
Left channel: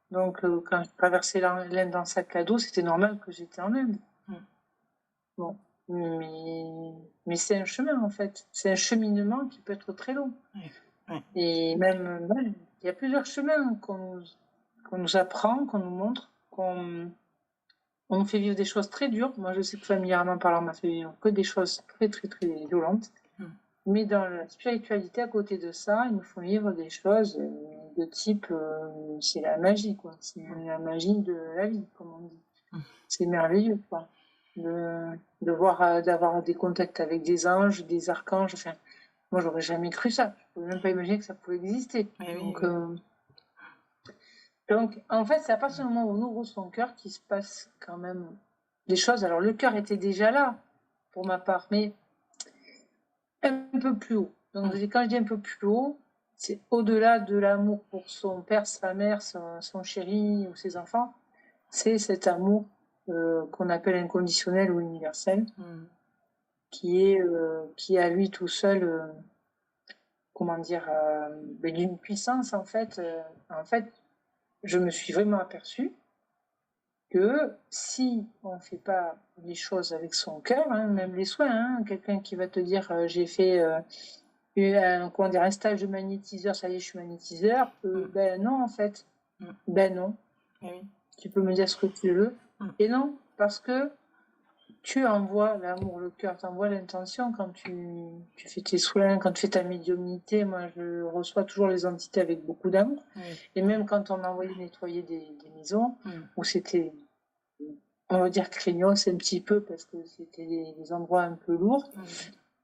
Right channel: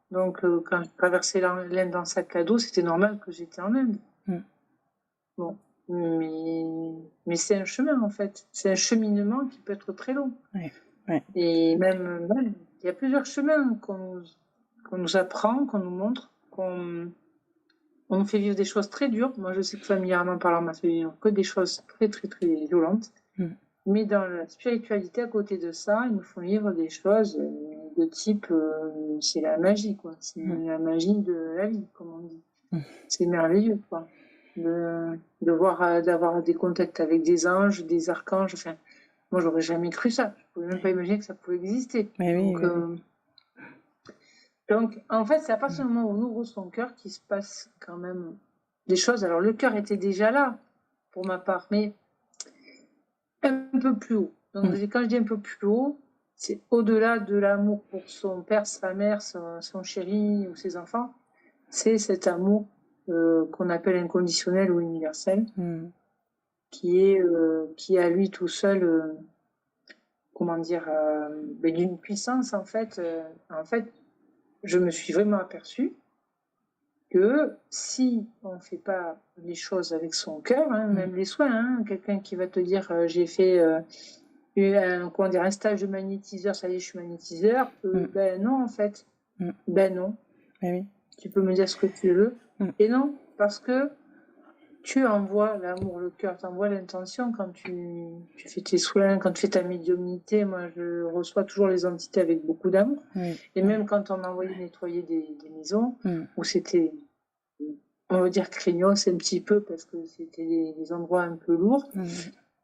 Donc quand je traversais l'Inde en sac à dos, c'était normal que j'étais en Inde. Bon, mais c'est un chemin en fait, c'est un cheminement qui peut être très long. Et même il y a plusieurs chemins qu'on nous apprend, qu'on nous montre, on nous fait vivre des choses très dures. Moi, je sais que familièrement parlant, on m'a fait vivre que des choses très, très, très violentes. Mais dans la spiritualité, à côté de ça, ils nous font vivre des choses de type, c'est la magie, quoi. C'est la magie de la vie, comme on dit. C'est merveilleux, quoi. D'avoir des contacts avec des anges, des archanges. Enfin, moi, j'aurais jamais cru ça. Je pouvais même pas imaginer que ça pouvait exister. Donc, en fait, c'est à partir du moment où on ouvre son cœur qu'il se passe quand même des choses. Alors, le cœur était déjà là, pour ma part, mais un peu plus haut. Donc, quand je dis un peu plus haut, c'est au-delà de l'amour pour son père, sa mère, son chéri ou ses enfants. C'est cet amour qu'on appelle inconditionnel ou universel, qui est à lui tout seul, comment dire, d'une puissance, en fait. Je me suis vraiment aperçue que si on ne fait pas les choses avec son cœur, même les soins, quelqu'un qui va te dire j'ai fait un stage de magnétiseur, ça y est, je suis magnétiseur, ben non, en fait. Ben non. Tu peux me dire ce que tu veux. Et non, parce que tu envoies l'amour, le cœur, tu envoies l'intention quand tu fais tes soins, quand tu fais ta médiumnité. Moi, je reçois toujours les entités avec beaucoup d'amour. Et même quand on m'a envoyé nettoyer des maisons, où c'était, on va dire, craignos un petit peu, parce que c'était des endroits un peu lourds,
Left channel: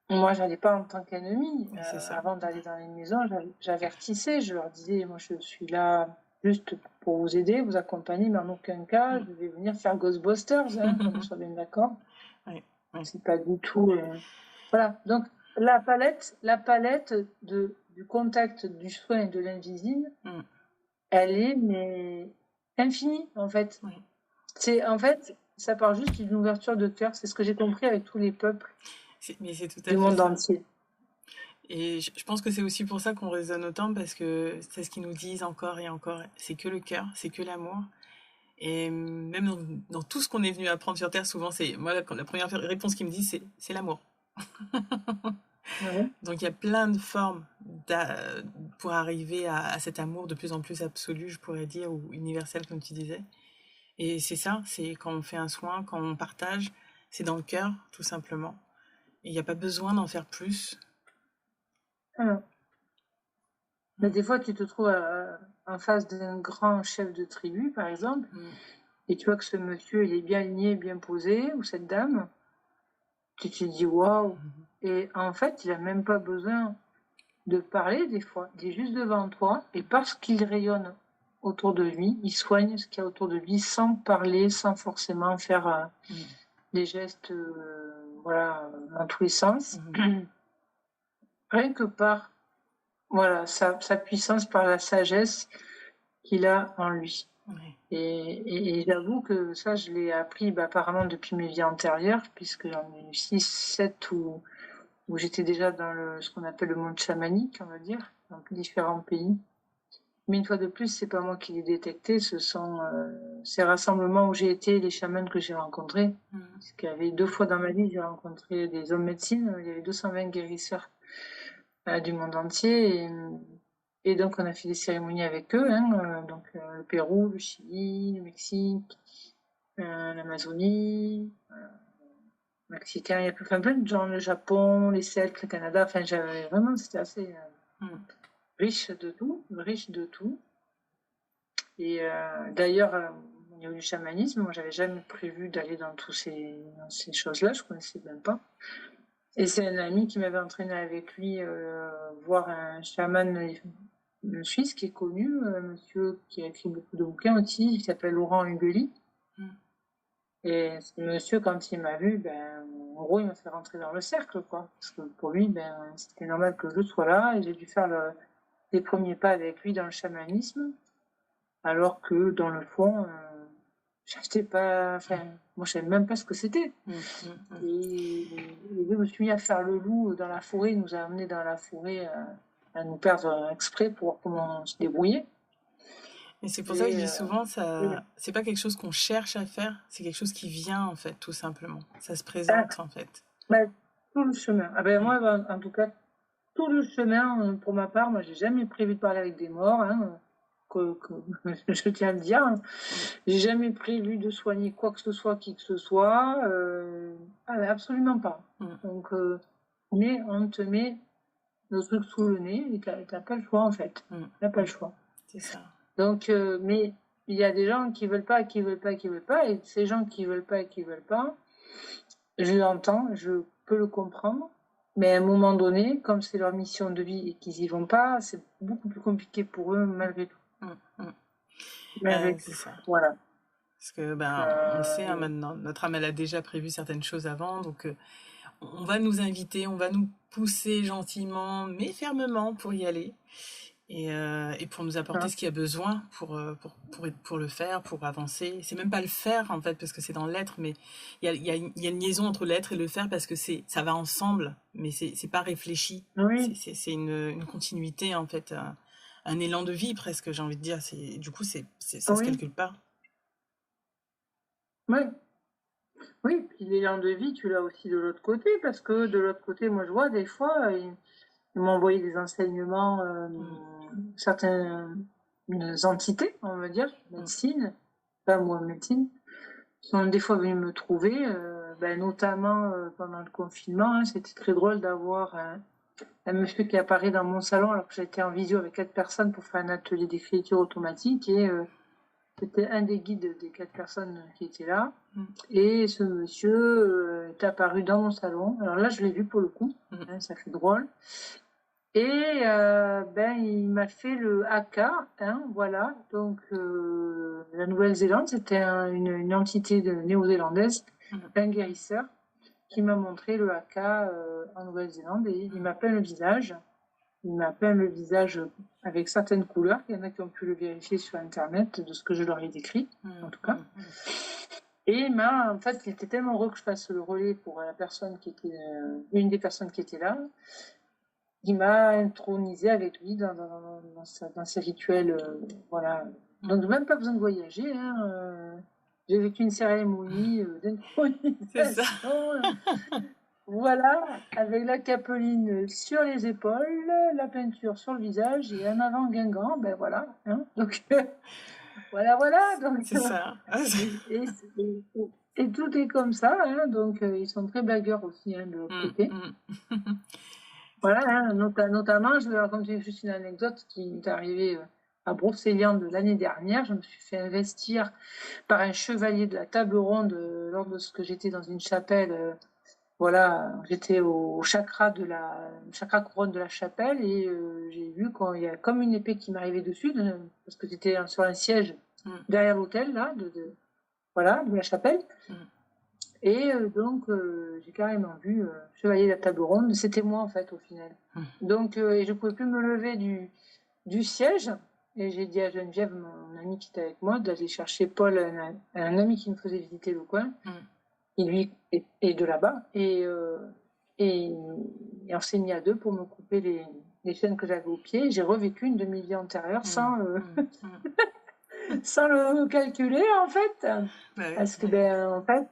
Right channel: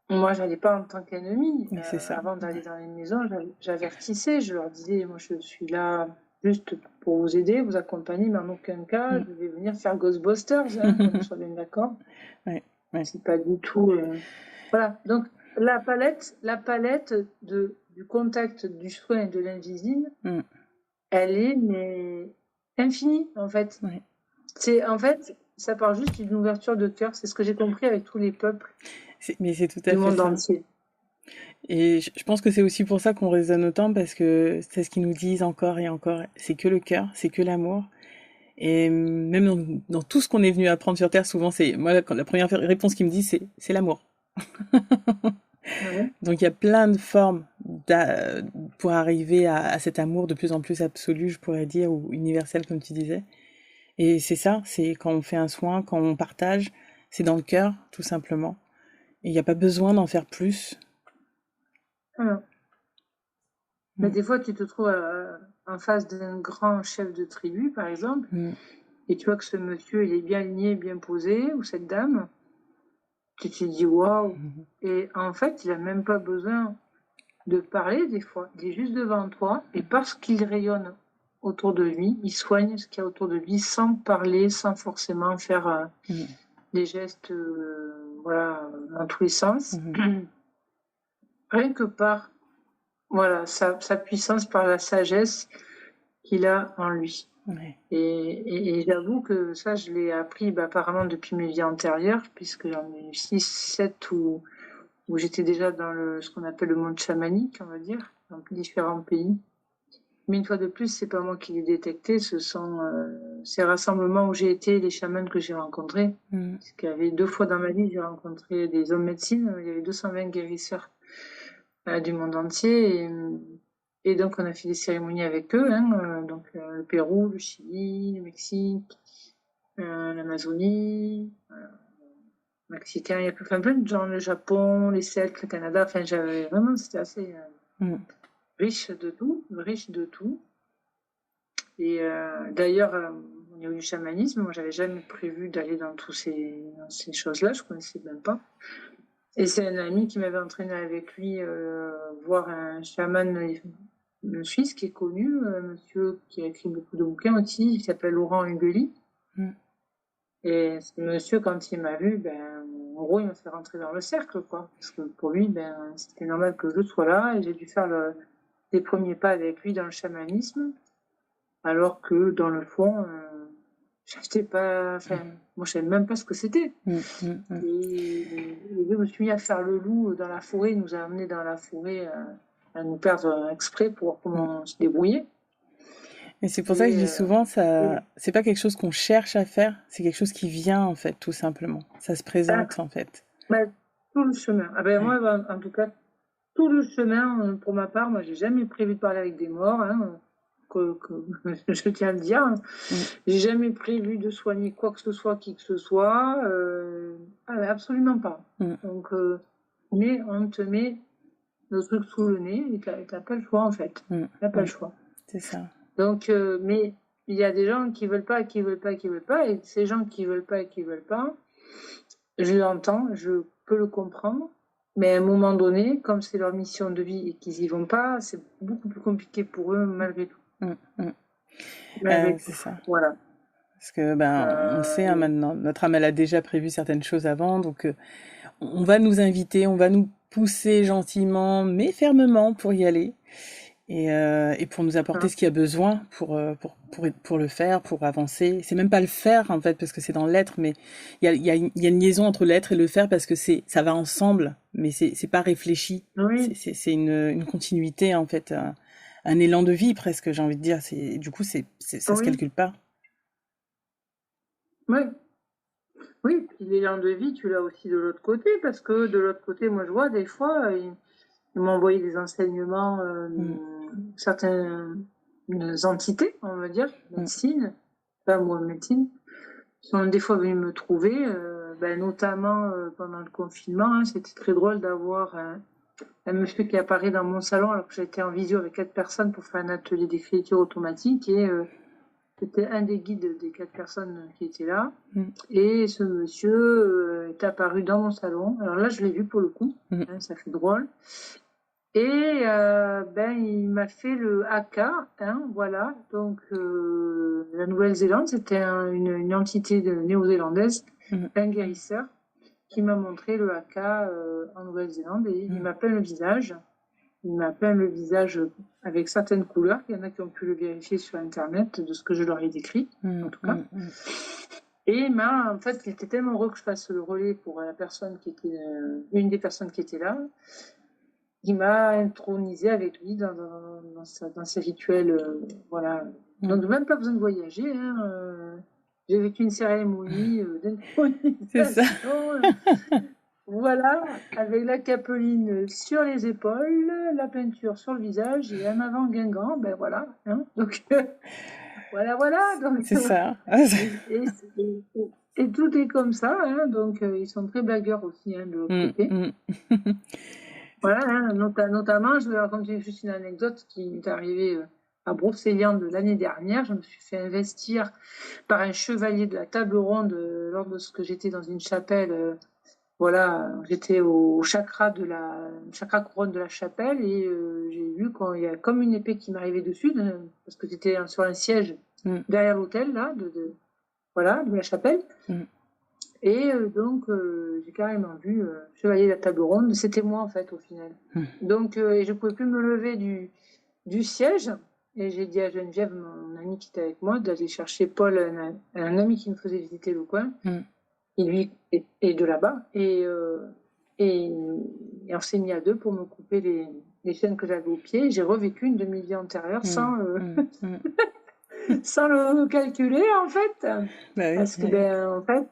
moi, j'allais pas en tant qu'ennemie. Avant d'aller dans les maisons, j'avertissais, je leur disais, moi, je suis là juste pour vous aider, vous accompagner, mais en aucun cas, je vais venir faire Ghostbusters, qu'on soit bien d'accord. C'est pas du tout... Voilà, donc la palette du contact, du soin et de l'invisible, elle est mais infinie, en fait. En fait, ça part juste d'une ouverture de cœur. C'est ce que j'ai compris avec tous les peuples du monde entier. Et je pense que c'est aussi pour ça qu'on résonne autant, parce que c'est ce qu'ils nous disent encore et encore. C'est que le cœur, c'est que l'amour. Et même dans tout ce qu'on est venu apprendre sur Terre, souvent, c'est moi, la première réponse qu'ils me disent, c'est l'amour. Donc il y a plein de formes pour arriver à cet amour de plus en plus absolu, je pourrais dire, ou universel, comme tu disais. Et c'est ça, c'est quand on fait un soin, quand on partage, c'est dans le cœur, tout simplement. Et il n'y a pas besoin d'en faire plus. Mais des fois, tu te trouves en face d'un grand chef de tribu, par exemple, et tu vois que ce monsieur, il est bien aligné, bien posé, ou cette dame, tu te dis waouh. Et en fait, il n'a même pas besoin de parler des fois. Il est juste devant toi, et parce qu'il rayonne autour de lui, il soigne ce qu'il y a autour de lui sans parler, sans forcément faire des gestes voilà, dans tous les sens. Rien que par voilà, sa puissance, par la sagesse qu'il a en lui. Et j'avoue que ça, je l'ai appris apparemment depuis mes vies antérieures, puisque j'en ai eu 6, 7 où j'étais déjà dans ce qu'on appelle le monde chamanique, on va dire, dans différents pays. Mais une fois de plus, c'est pas moi qui l'ai détecté, ce sont ces rassemblements où j'ai été, les chamans que j'ai rencontrés. Parce qu'il y avait 2 fois dans ma vie, j'ai rencontré des hommes médecine, il y avait 220 guérisseurs du monde entier. Et donc, on a fait des cérémonies avec eux, donc le Pérou, le Chili, le Mexique, l'Amazonie, le Mexicain, il y a plein de gens, le Japon, les Celtes, le Canada. Enfin, c'était assez riche de tout. Et d'ailleurs, au niveau du chamanisme, moi, j'avais jamais prévu d'aller dans dans ces choses-là, je connaissais même pas. Et c'est un ami qui m'avait entraîné avec lui voir un chaman suisse qui est connu, un monsieur qui a écrit beaucoup de bouquins aussi, qui s'appelle Laurent Hugeli. Et ce monsieur, quand il m'a vu, en gros, il m'a fait rentrer dans le cercle, quoi. Parce que pour lui, c'était normal que je sois là, et j'ai dû faire les premiers pas avec lui dans le chamanisme, alors que dans le fond, j'étais pas, moi, je savais même pas ce que c'était. Et je me suis mis à faire le loup dans la forêt, il nous a amenés dans la forêt à nous perdre exprès pour voir comment on se débrouillait. Et c'est pour ça que je dis souvent, c'est pas quelque chose qu'on cherche à faire, c'est quelque chose qui vient, en fait, tout simplement. Ça se présente, en fait. Tout le chemin. Moi, en tout cas, tout le chemin, pour ma part, moi, j'ai jamais prévu de parler avec des morts, hein, je tiens à le dire. J'ai jamais prévu de soigner quoi que ce soit, qui que ce soit. Absolument pas. Donc, mais on te met le truc sous le nez et t'as pas le choix, en fait. T'as pas le choix. C'est ça. Donc, mais il y a des gens qui veulent pas, et ces gens qui veulent pas et qui veulent pas, je l'entends, je peux le comprendre, mais à un moment donné, comme c'est leur mission de vie et qu'ils y vont pas, c'est beaucoup plus compliqué pour eux malgré tout. C'est ça. Voilà. Parce que on le sait maintenant, notre âme elle a déjà prévu certaines choses avant, donc on va nous inviter, on va nous pousser gentiment mais fermement pour y aller. Et pour nous apporter ce qu'il y a besoin pour le faire, pour avancer. C'est même pas le faire, en fait, parce que c'est dans l'être, mais il y a une liaison entre l'être et le faire, parce que ça va ensemble, mais c'est pas réfléchi. Oui. C'est une continuité, en fait, un élan de vie, presque, j'ai envie de dire. Du coup, ça se calcule pas. Oui. Oui, puis l'élan de vie, tu l'as aussi de l'autre côté, parce que de l'autre côté, moi, je vois des fois... Ils m'ont envoyé des enseignements, certaines entités, on va dire, médecine, médecine, sont des fois venus me trouver, notamment pendant le confinement. Hein, c'était très drôle d'avoir un monsieur qui apparaît dans mon salon alors que j'étais en visio avec 4 personnes pour faire un atelier d'écriture automatique, et c'était un des guides des 4 personnes qui étaient là. Et ce monsieur est apparu dans mon salon. Alors là, je l'ai vu pour le coup, hein, ça fait drôle. Et il m'a fait le haka, hein, voilà. Donc la Nouvelle-Zélande, c'était une entité néo-zélandaise, un guérisseur, qui m'a montré le haka en Nouvelle-Zélande, et il m'a peint le visage. Il m'a peint le visage avec certaines couleurs. Il y en a qui ont pu le vérifier sur Internet de ce que je leur ai décrit, en tout cas. Et en fait, il était tellement heureux que je fasse le relais pour la personne qui était une des personnes qui était là. Il m'a intronisé avec lui dans ses rituels, voilà. Donc même pas besoin de voyager, hein, j'ai vécu une cérémonie d'intronisation. Voilà, avec la capeline sur les épaules, la peinture sur le visage et un avant Guingamp, voilà. Hein, donc voilà. Donc c'est ça. et tout est comme ça, hein, donc ils sont très blagueurs aussi, hein, de l'autre côté. Voilà, hein, notamment, je vais raconter juste une anecdote qui m'est arrivée à Brocéliande l'année dernière. Je me suis fait investir par un chevalier de la table ronde lors de ce que j'étais dans une chapelle. Voilà, j'étais au chakra couronne de la chapelle, et j'ai vu qu'il y a comme une épée qui m'arrivait dessus, parce que c'était sur un siège derrière l'hôtel là, de la chapelle. Et donc, j'ai carrément vu chevalier de la table ronde. C'était moi, en fait, au final. Donc, et je ne pouvais plus me lever du siège. Et j'ai dit à Geneviève, mon amie qui était avec moi, d'aller chercher Paul, un ami qui me faisait visiter le coin, et lui est de là-bas. Et on s'est mis à deux pour me couper les chaînes que j'avais aux pieds. J'ai revécu une demi-vie antérieure sans le calculer, en fait. Parce que, en fait...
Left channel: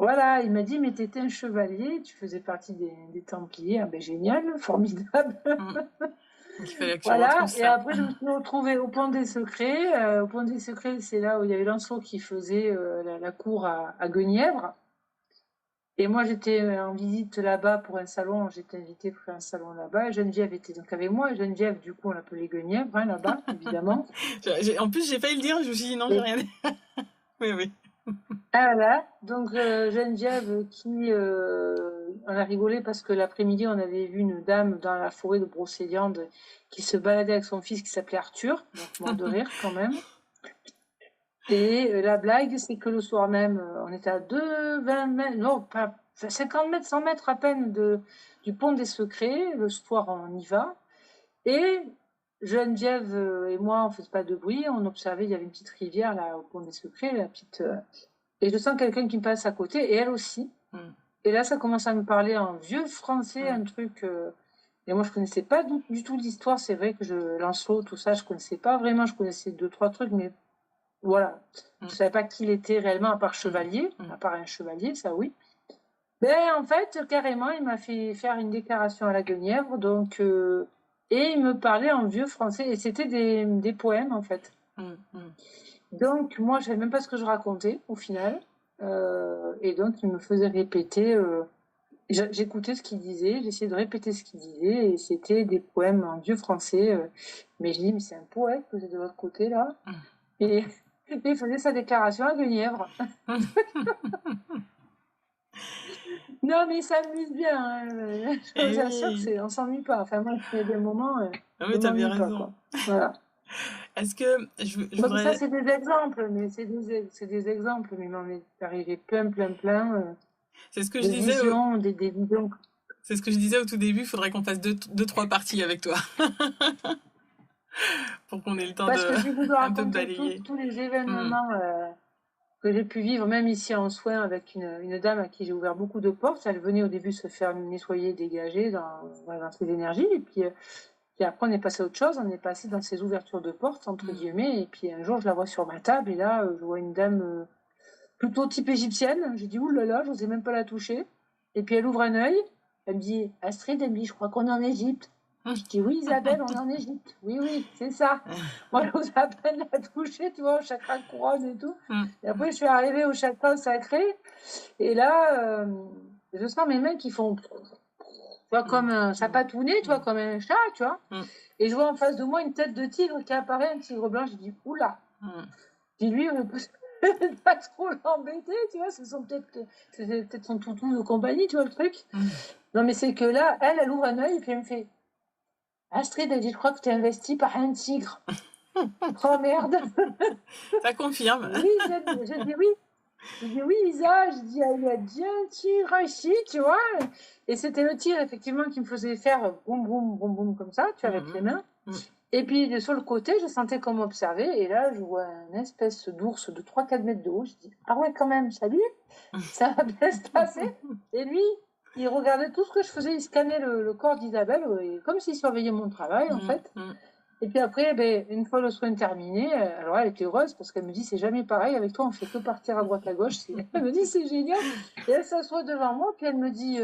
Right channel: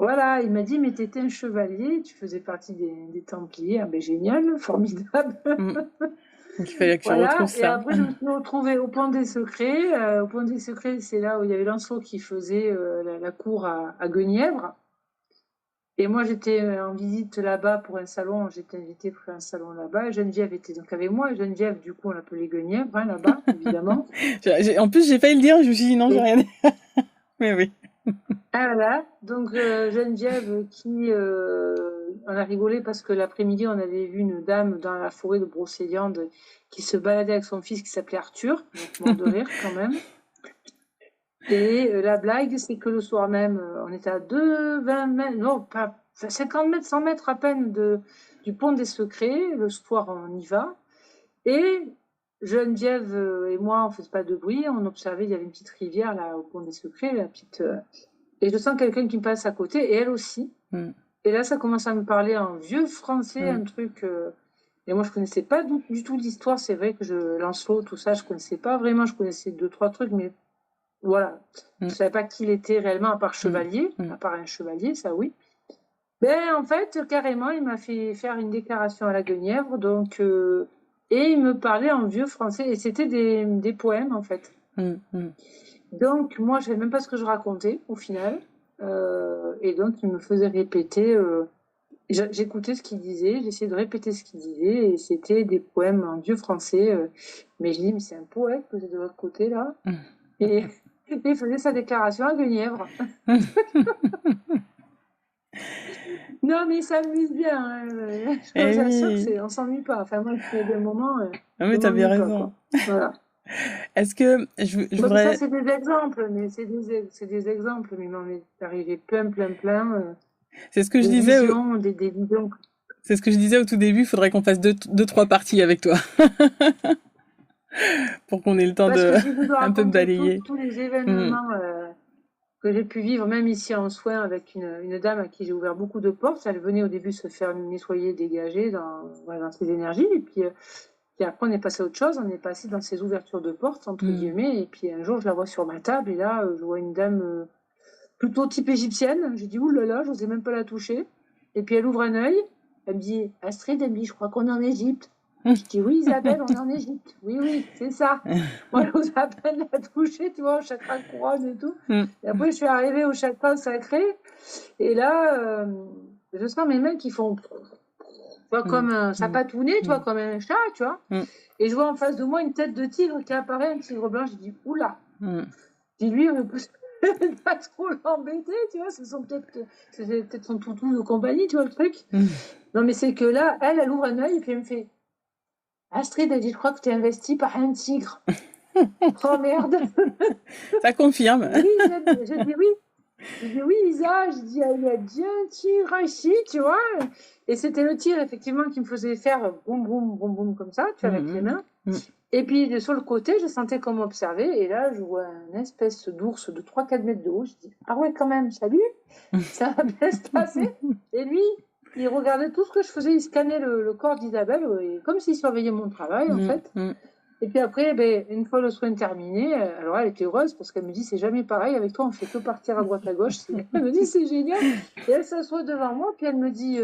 Voilà, il m'a dit, mais t'étais un chevalier, tu faisais partie des Templiers. Génial, formidable. Il fallait que tu retrouves ça. Et après, je me suis retrouvée au Pont des Secrets. Au Pont des Secrets, c'est là où il y avait Lancelot qui faisait la cour à Guenièvre. Et moi, j'étais en visite là-bas pour un salon. J'étais invitée pour un salon là-bas. Et Geneviève était donc avec moi. Et Geneviève, du coup, on l'appelait Guenièvre, hein, là-bas, évidemment. En plus, j'ai failli le dire, je me suis dit non, j'ai Et rien dit. Oui, oui. ah, voilà. Donc, Geneviève, on a rigolé parce que l'après-midi, on avait vu une dame dans la forêt de Brocéliande qui se baladait avec son fils qui s'appelait Arthur. Donc, mort de rire quand même. Et la blague, c'est que le soir même, on était à 20 mètres, non, pas 50 mètres, 100 mètres à peine du pont des Secrets. Le soir, on y va. Et Geneviève et moi, on ne faisait pas de bruit. On observait, il y avait une petite rivière là au pont des Secrets, la petite. Et je sens quelqu'un qui me passe à côté, et elle aussi. Et là, ça commence à me parler en vieux français, un truc. Et moi, je connaissais pas du tout l'histoire. C'est vrai que Lancelot, tout ça, je connaissais pas vraiment. Je connaissais 2-3 trucs, mais voilà. Je savais pas qui il était réellement, à part chevalier, à part un chevalier, ça oui. Ben, en fait, carrément, il m'a fait faire une déclaration à la Guenièvre, donc, et il me parlait en vieux français, et c'était des poèmes, en fait. Donc, moi, je savais même pas ce que je racontais, au final, et donc, il me faisait répéter, j'écoutais ce qu'il disait, j'essayais de répéter ce qu'il disait, et c'était des poèmes en vieux français, mais je dis, mais c'est un poète que j'ai de l'autre côté, là, et il faisait sa déclaration à Guenièvre. Non, mais il s'amuse bien. Hein. Je vous assure qu'on ne s'ennuie pas. Enfin, moi, il y a des moments, Ah je oui, ne t'as bien m'ennuie pas. raison. Quoi. Voilà. Est-ce que je voudrais... Ça, c'est des exemples, mais c'est des exemples, mais il m'en est arrivé plein. C'est ce que je des disais. Visions, des visions. C'est ce que je disais au tout début. Il faudrait qu'on fasse deux, trois parties avec toi. Pour qu'on ait le temps Parce de que si je dois un peu de raconter balayer. tous les événements que j'ai pu vivre, même ici en soins, avec une dame à qui j'ai ouvert beaucoup de portes. Elle venait au début se faire nettoyer, dégager dans ses énergies. Et puis après, on est passé à autre chose. On est passé dans ces ouvertures de portes, entre guillemets. Et puis un jour, je la vois sur ma table. Et là, je vois une dame plutôt type égyptienne. J'ai dit, oulala, je n'osais même pas la toucher. Et puis elle ouvre un œil. Elle me dit, Astrid, elle me dit, je crois qu'on est en Égypte. Je dis, oui, Isabelle, on est en Égypte. Oui, c'est ça. Moi, je n'ose à peine la toucher, tu vois, au chakra couronne et tout. Et après, je suis arrivée au chakra sacré. Et là, je sens mes mains qui font... Tu vois, comme ça patounet, tu vois, comme un chat, tu vois. Et je vois en face de moi une tête de tigre qui apparaît, un tigre blanc. Je dis, oula. Je dis, lui, on peut pas trop l'embêter, tu vois. C'est peut-être son toutou de compagnie, tu vois, le truc. Non, mais c'est que là, elle ouvre un œil et puis elle me fait... Astrid, elle dit, je crois que tu es investie par un tigre. Oh merde. Ça confirme. Oui, je dis oui. Je dis oui, Isa. Je dis, il y a déjà un tigre ici, tu vois. Et c'était le tigre, effectivement, qui me faisait faire boum, boum, boum, boum, comme ça, tu vois, avec les mains. Et puis, sur le côté, je sentais comme observer. Et là, je vois une espèce d'ours de 3-4 mètres de haut. Je dis, ah ouais, quand même, salut. Ça va bien se passer. Et lui, il regardait tout ce que je faisais, il scannait le corps d'Isabelle, comme s'il surveillait mon travail, en fait. Et puis après, une fois le soin terminé, alors elle était heureuse parce qu'elle me dit, c'est jamais pareil, avec toi, on fait que partir à droite à gauche. Elle me dit, c'est génial. Et elle s'assoit devant moi, puis elle me dit,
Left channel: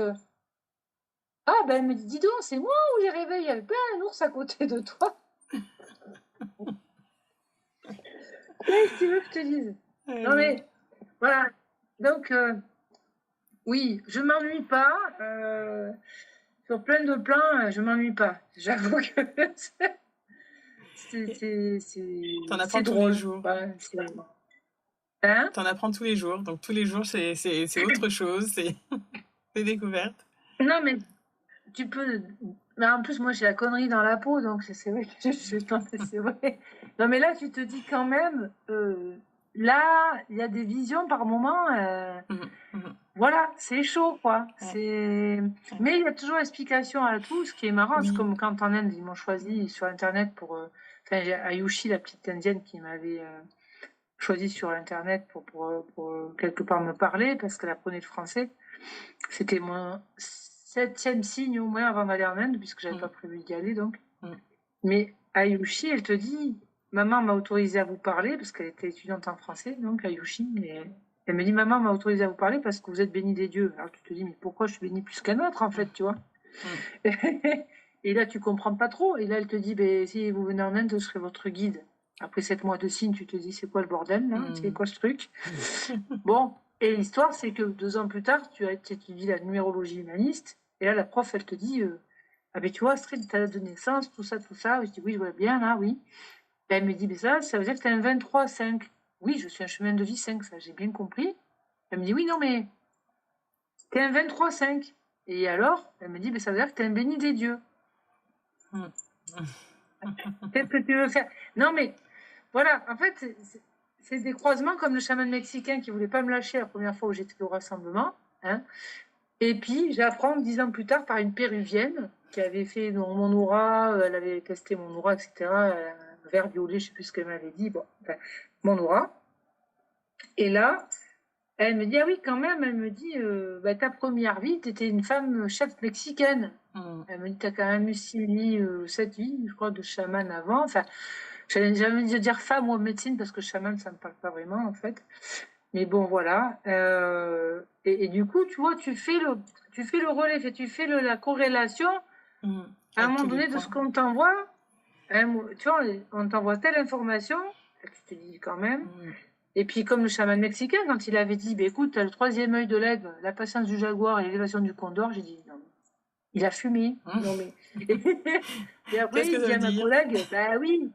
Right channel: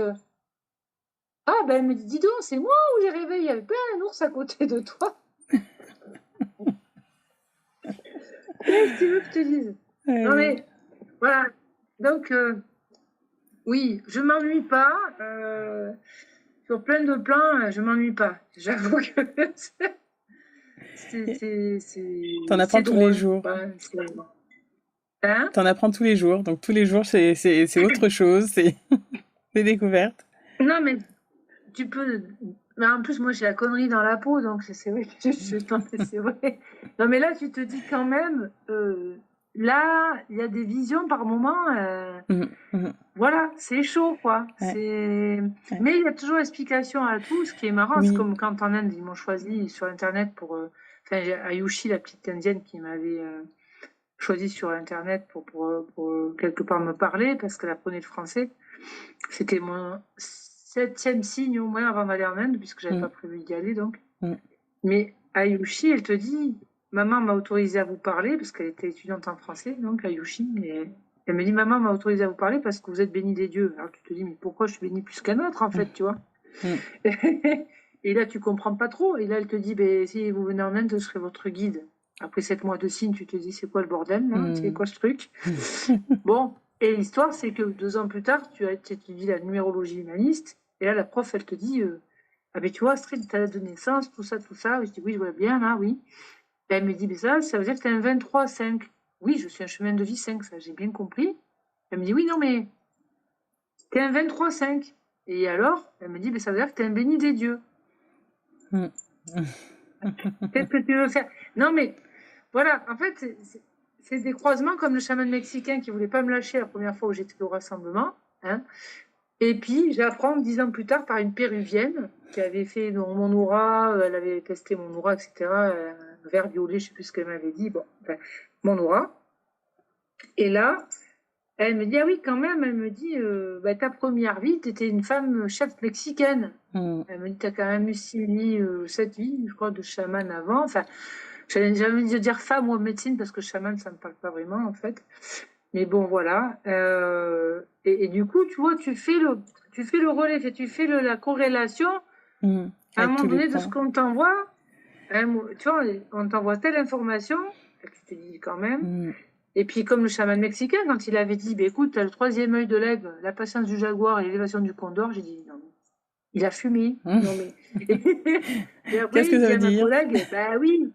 elle me dit, dis donc, c'est moi où j'ai rêvé, il y avait pas un ours à côté de toi. Qu'est-ce que tu veux que je te dise? Non mais, voilà. Donc, oui, je m'ennuie pas. Sur plein de plans, je m'ennuie pas. J'avoue que T'en apprends tous les jours. Hein? T'en apprends tous les jours. Donc tous les jours, c'est autre chose. C'est des découvertes. Non, mais tu peux... Mais en plus, moi, j'ai la connerie dans la peau, donc c'est vrai que c'est vrai. Non, mais là, tu te dis quand même... Là, il y a des visions par moment. Voilà, c'est chaud, quoi. Ouais. Mais il y a toujours explication à tout. Ce qui est marrant, c'est comme quand en Inde, ils m'ont choisi sur Internet pour... Enfin, Ayushi, la petite indienne qui m'avait choisi sur Internet pour quelque part me parler, parce qu'elle apprenait le français. C'était mon 7e signe au moins avant d'aller en Inde, puisque j'avais pas prévu d'y aller, donc. Mais Ayushi, elle te dit... Maman m'a autorisé à vous parler, parce qu'elle était étudiante en français, donc Ayushi. Et elle me dit, maman m'a autorisé à vous parler parce que vous êtes bénie des dieux. Alors tu te dis, mais pourquoi je suis bénie plus qu'un autre, en fait, tu vois. Et là, tu comprends pas trop. Et là, elle te dit, si vous venez en Inde, je serai votre guide. Après 7 mois de signe, tu te dis, c'est quoi le bordel, là? C'est quoi ce truc? Bon. Et l'histoire, c'est que 2 ans plus tard, tu étudies la numérologie humaniste. Et là, la prof, elle te dit ah, ben tu vois, Astrid, ta date de naissance, tout ça, tout ça. Je dis oui, je vois bien, là, oui. Et elle me dit, mais ça veut dire que tu es un 23-5. Oui, je suis un chemin de vie 5, ça, j'ai bien compris. Elle me dit, oui, non, mais tu es un 23-5. Et alors, elle me dit, mais ça veut dire que tu es un béni des dieux. Qu'est-ce que tu veux faire? Non, mais voilà, en fait, c'est des croisements comme le chaman mexicain qui voulait pas me lâcher la première fois où j'étais au rassemblement. Hein. Et puis, j'apprends 10 ans plus tard par une péruvienne qui avait fait mon aura, elle avait testé mon aura, etc. Un verre violet, je sais plus ce qu'elle m'avait dit. Bon, enfin, mon aura. Et là, elle me dit, ah oui, quand même, elle me dit, bah, ta première vie, tu étais une femme chef mexicaine. Elle me dit, tu as quand même eu 7 vies, je crois, de chaman avant. Enfin, j'avais jamais envie de dire femme ou médecine parce que chaman, ça ne me parle pas vraiment, en fait. Mais bon, voilà. Et du coup, tu vois, tu fais le relais, tu fais la corrélation à un moment donné de ce qu'on t'envoie. Tu vois, on t'envoie telle information, tu te dis quand même. Et puis, comme le chaman mexicain, quand il avait dit, bah, écoute, t'as le 3e œil de l'aigle, la patience du jaguar et l'élévation du condor, j'ai dit, non, mais il a fumé. Non, mais. Et après, il dit à ma collègue, bah oui.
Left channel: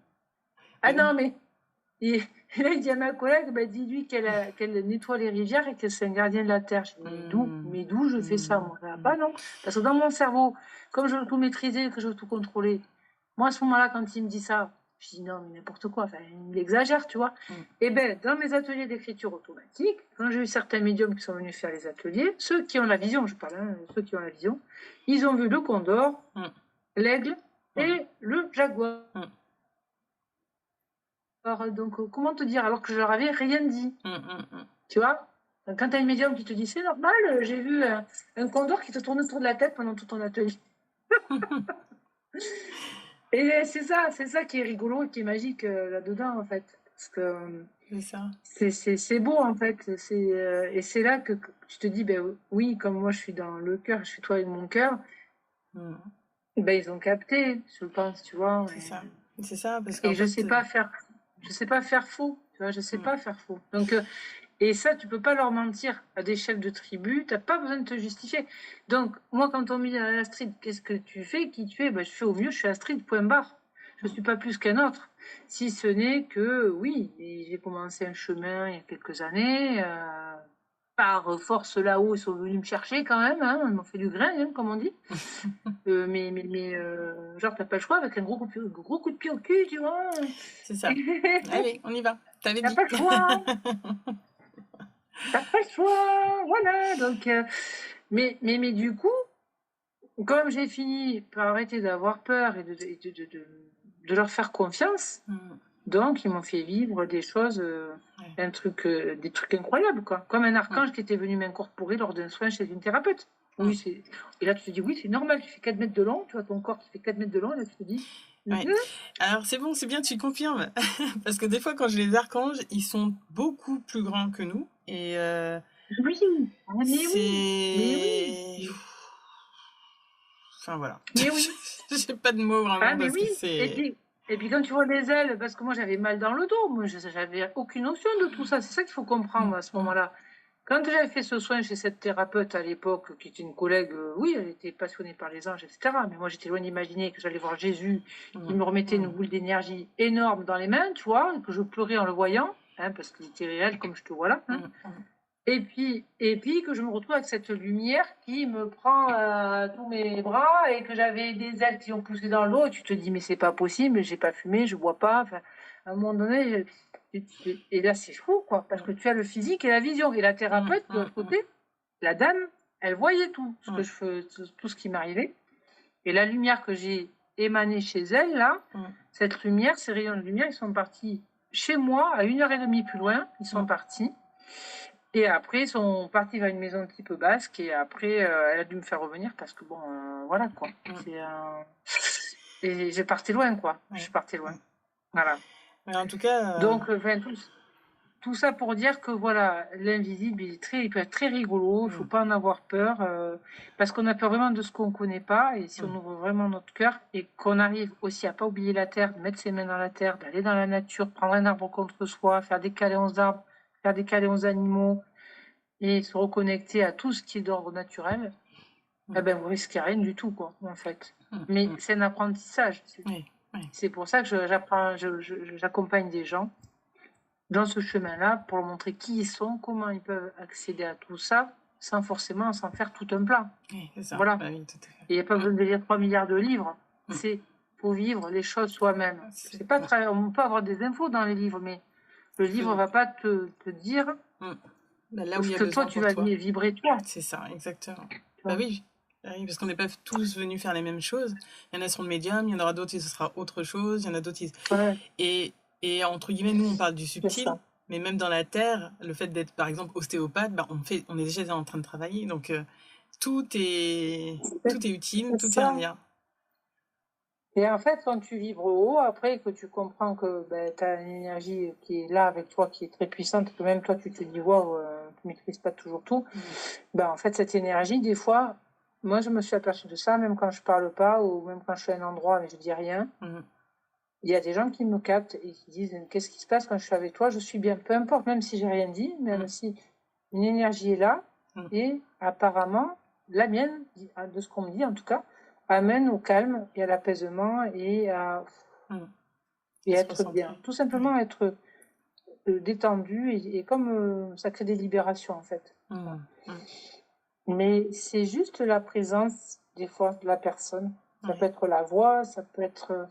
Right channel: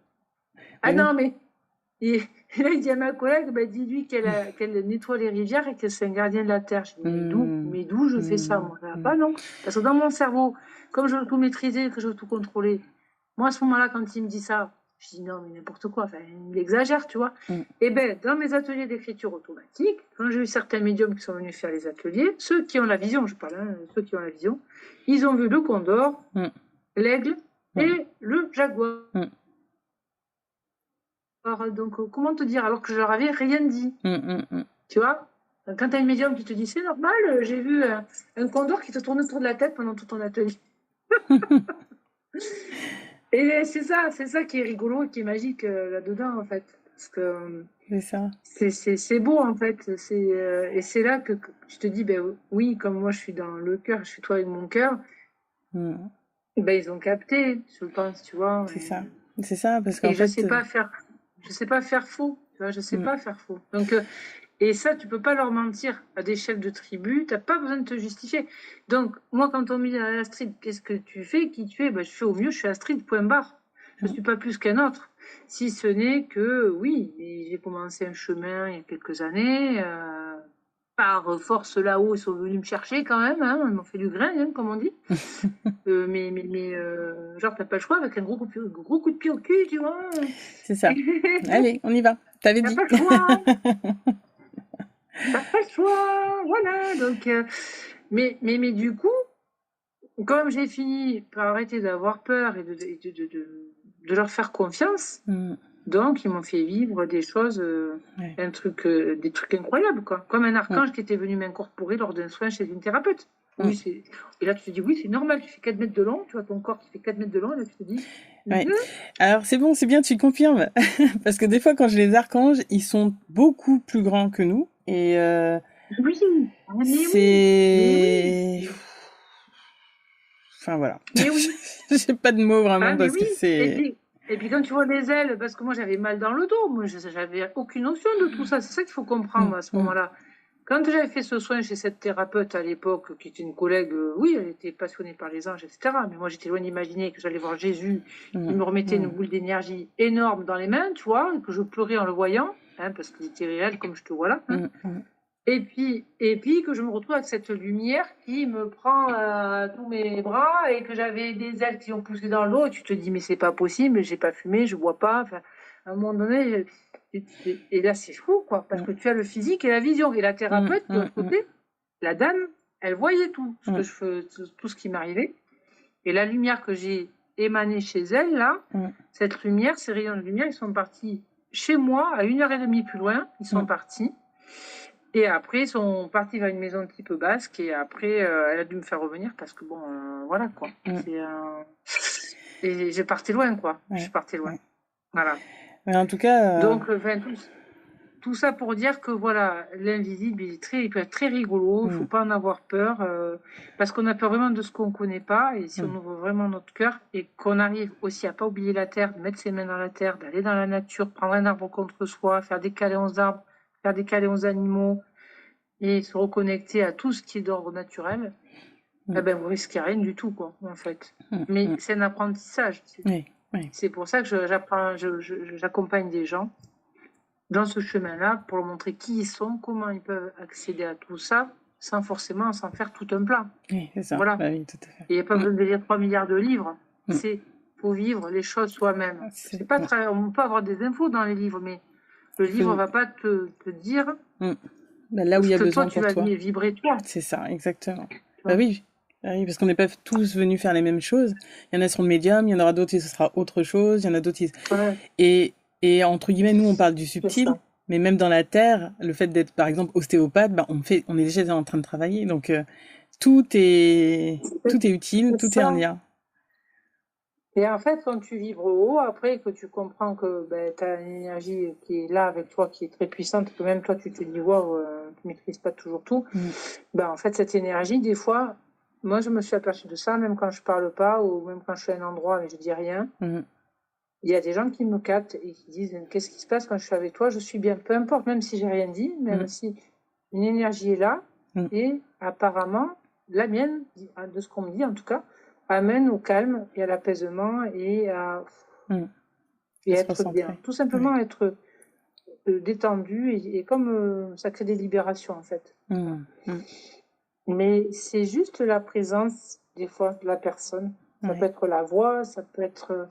Ah non, mais. Et là, il dit à ma collègue, bah, dis-lui qu'elle nettoie les rivières et que c'est un gardien de la terre. Je dis, mais d'où je fais ça, moi? Pas non. Parce que dans mon cerveau, comme je veux tout maîtriser, que je veux tout contrôler, moi, à ce moment-là, quand il me dit ça, je dis non, mais n'importe quoi, enfin, il exagère, tu vois. Et bien, dans mes ateliers d'écriture automatique, quand j'ai eu certains médiums qui sont venus faire les ateliers, ceux qui ont la vision, je parle, ceux qui ont la vision, ils ont vu le condor, l'aigle et le jaguar. Alors, donc, comment te dire, alors que je leur avais rien dit. Tu vois, quand tu as une médium qui te dit c'est normal, j'ai vu un condor qui te tourne autour de la tête pendant tout ton atelier. Et c'est ça qui est rigolo et qui est magique là-dedans, en fait. Parce que c'est beau, en fait. Et c'est là que je te dis, ben oui, comme moi je suis dans le cœur, je suis toi avec mon cœur, ben ils ont capté, je pense, tu vois. C'est ça, parce que. Et je sais pas faire faux, tu vois, je sais pas faire faux. Donc, et ça, tu peux pas leur mentir à des chefs de tribu, t'as pas besoin de te justifier. Donc, moi, quand on me dit Astrid, qu'est-ce que tu fais, qui tu es, ben, je fais au mieux, je suis Astrid, point barre. Je suis pas plus qu'un autre. Si ce n'est que, oui, j'ai commencé un chemin il y a quelques années, par force là-haut, ils sont venus me chercher quand même, hein, ils m'ont fait du grain, hein, comme on dit. Mais genre, t'as pas le choix avec un gros coup de pied au cul, tu vois. C'est ça. Allez, on y va. T'avais dit. T'as pas le choix. T'as pas le choix. Voilà. Donc, mais du coup, comme j'ai fini par arrêter d'avoir peur et de leur faire confiance, donc ils m'ont fait vivre des choses, des trucs incroyables, quoi. Comme un archange qui était venu m'incorporer lors d'un soin chez une thérapeute. Oui, et là, tu te dis, oui, c'est normal, tu fais 4 mètres de long, tu vois ton corps qui fait 4 mètres de long, et là, tu te dis... Alors, c'est bon, c'est bien, tu confirmes. Parce que des fois, quand j'ai les archanges, ils sont beaucoup plus grands que nous. Et oui, mais oui. Enfin, voilà. Mais oui. J'ai pas de mots vraiment parce que c'est... Et puis quand tu vois les ailes, parce que moi j'avais mal dans le dos, moi j'avais aucune notion de tout ça. C'est ça qu'il faut comprendre à ce moment-là. Quand j'avais fait ce soin chez cette thérapeute à l'époque, qui était une collègue, oui, elle était passionnée par les anges, etc. Mais moi j'étais loin d'imaginer que j'allais voir Jésus, qui me remettait une boule d'énergie énorme dans les mains, tu vois, et que je pleurais en le voyant, hein, parce qu'il était réel comme je te vois là. Hein. Et puis que je me retrouve avec cette lumière qui me prend tous mes bras et que j'avais des ailes qui ont poussé dans l'eau. Et tu te dis, mais c'est pas possible, j'ai pas fumé, je bois pas. Enfin, à un moment donné, et là, c'est fou, quoi, parce que tu as le physique et la vision. Et la thérapeute, de l'autre côté, la dame, elle voyait tout, tout ce qui m'arrivait. Et la lumière que j'ai émanée chez elle, là, cette lumière, ces rayons de lumière, ils sont partis chez moi, à 1h30 plus loin, ils sont partis. Et après, ils sont partis vers une maison type basque. Et après, elle a dû me faire revenir parce que, bon, voilà, quoi. Et j'ai parti loin, quoi. Je suis partie loin. Voilà. Mais en tout cas... Donc, tout ça pour dire que, voilà, l'invisible, il peut être très rigolo. Il ne faut pas en avoir peur. Parce qu'on a peur vraiment de ce qu'on ne connaît pas. Et si on ouvre vraiment notre cœur et qu'on arrive aussi à ne pas oublier la terre, de mettre ses mains dans la terre, d'aller dans la nature, prendre un arbre contre soi, faire des câlins aux arbres, faire des câlins aux animaux, et se reconnecter à tout ce qui est d'ordre naturel, eh ben, vous risquez rien du tout, quoi, en fait. Mais c'est un apprentissage. Oui. C'est pour ça que j'accompagne des gens dans ce chemin-là pour leur montrer qui ils sont, comment ils peuvent accéder à tout ça, sans forcément s'en faire tout un plat. Oui, c'est ça. Voilà. Bah oui, tout à fait. Et il n'y a pas besoin de lire 3 milliards de livres. C'est pour vivre les choses soi-même. C'est pas on peut avoir des infos dans les livres, mais le livre ne va pas te dire bah, là où il y a que besoin toi, tu vas vibrer toi. C'est ça, exactement. Bah oui. Oui, parce qu'on n'est pas tous venus faire les mêmes choses. Il y en a qui seront de médium, il y en aura d'autres qui ce sera autre chose, il y en a d'autres qui... Et entre guillemets, nous, on parle du subtil, mais même dans la Terre, le fait d'être, par exemple, ostéopathe, bah, on est déjà en train de travailler. Donc, tout est utile, tout est en lien. Et en fait, quand tu vibres haut, après que tu comprends que tu as une énergie qui est là avec toi, qui est très puissante, que même toi, tu te dis, wow, tu ne maîtrises pas toujours tout, en fait, cette énergie, des fois... Moi, je me suis aperçue de ça, même quand je parle pas, ou même quand je suis à un endroit, mais je dis rien. Il y a des gens qui me captent et qui disent, qu'est-ce qui se passe quand je suis avec toi? Je suis bien, peu importe, même si j'ai rien dit, même si une énergie est là, et apparemment, la mienne, de ce qu'on me dit en tout cas, amène au calme et à l'apaisement et à être bien. Tout simplement être détendu et comme ça crée des libérations en fait. Mais c'est juste la présence, des fois, de la personne. Ça peut être la voix, ça peut être...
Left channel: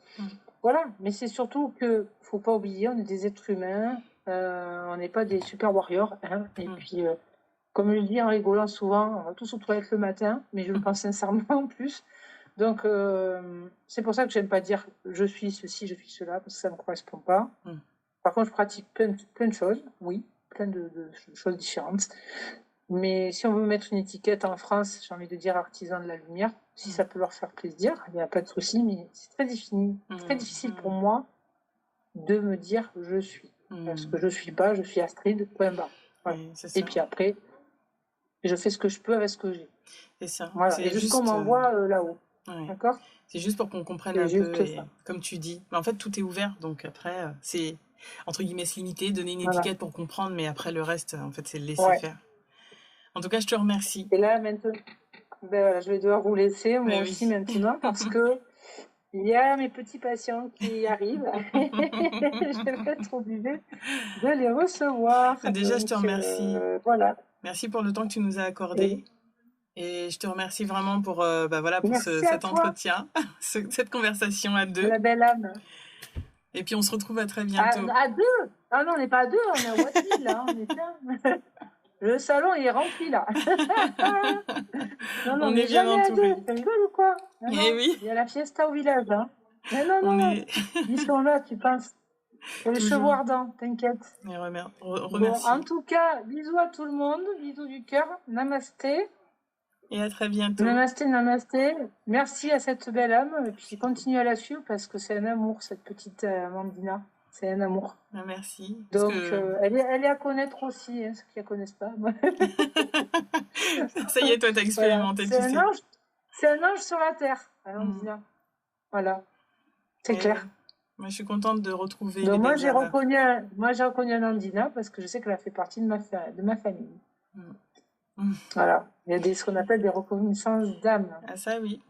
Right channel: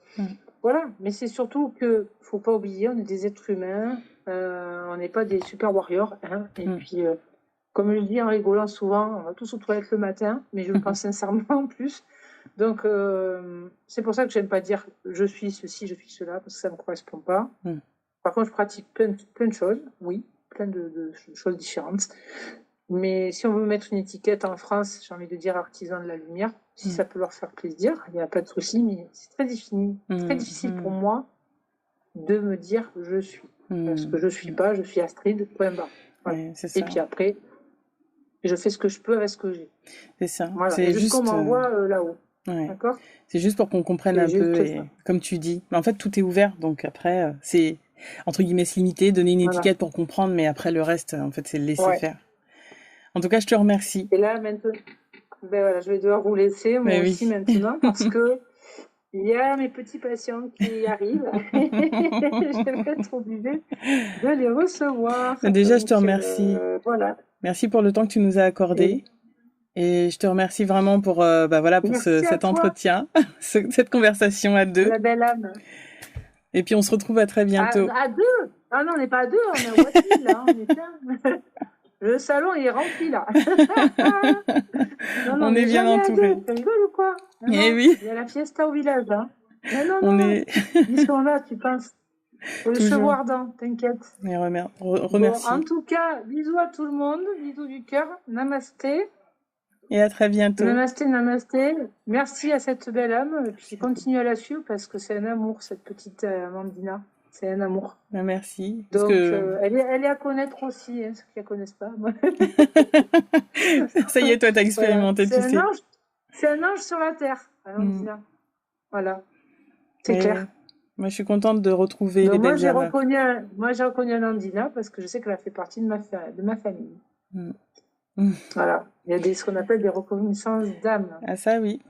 Voilà, mais c'est surtout que faut pas oublier, on est des êtres humains, on n'est pas des super warriors. Hein, et puis, comme je le dis en rigolant souvent, on va tous aux toilettes le matin, mais je le pense sincèrement en plus. Donc, c'est pour ça que j'aime pas dire je suis ceci, je suis cela, parce que ça ne me correspond pas. Par contre, je pratique plein de choses, oui, plein de choses différentes. Mais si on veut mettre une étiquette en France, j'ai envie de dire artisan de la lumière, si ça peut leur faire plaisir, il n'y a pas de souci, mais c'est très difficile pour moi de me dire je suis. Parce que je ne suis pas, je suis Astrid, point barre. Voilà. Et puis après, je fais ce que je peux avec ce que j'ai. C'est ça. Voilà. Et jusqu'on m'envoie là-haut. D'accord ? C'est juste pour qu'on comprenne un peu, et, comme tu dis. Mais en fait, tout est ouvert, donc après, c'est, entre guillemets, limité, donner une étiquette pour comprendre, mais après, le reste, en fait, c'est le laisser faire. En tout cas, je te remercie. Et là, maintenant, je vais devoir vous laisser, moi aussi, maintenant, parce que il y a mes petits patients qui arrivent. Je vais être obligée de les recevoir. Déjà, je te remercie. Voilà. Merci pour le temps que tu nous as accordé. Et je te remercie vraiment pour, pour cet entretien, cette conversation à deux. La belle âme. Et puis, on se retrouve à très bientôt. À deux? Ah non, on n'est pas à deux, on est à Watteville, là. On est plein. Le salon, il est rempli, là. On est bien entourés. Tu rigoles ou quoi? Eh oui. Il y a la fiesta au village, hein. Non. Ils sont là, tu penses. Pour les chevaux ardents, t'inquiète. Remercie. Bon, en tout cas, bisous à tout le monde. Bisous du cœur. Namasté. Et à très bientôt. Namasté. Merci à cette belle âme. Et puis, continue à la suivre parce que c'est un amour, cette petite Amandina. C'est un amour. Merci. Donc, elle est à connaître aussi, ceux qui ne la connaissent pas. Ça y est, toi, tu as expérimenté tout ça. C'est un ange sur la terre, Amandina. Voilà. C'est clair. Moi, je suis contente de retrouver les moi, j'ai reconnu Amandina parce que je sais qu'elle a fait partie de ma famille. Voilà. Il y a ce qu'on appelle des reconnaissances d'âme. Ah ça, oui.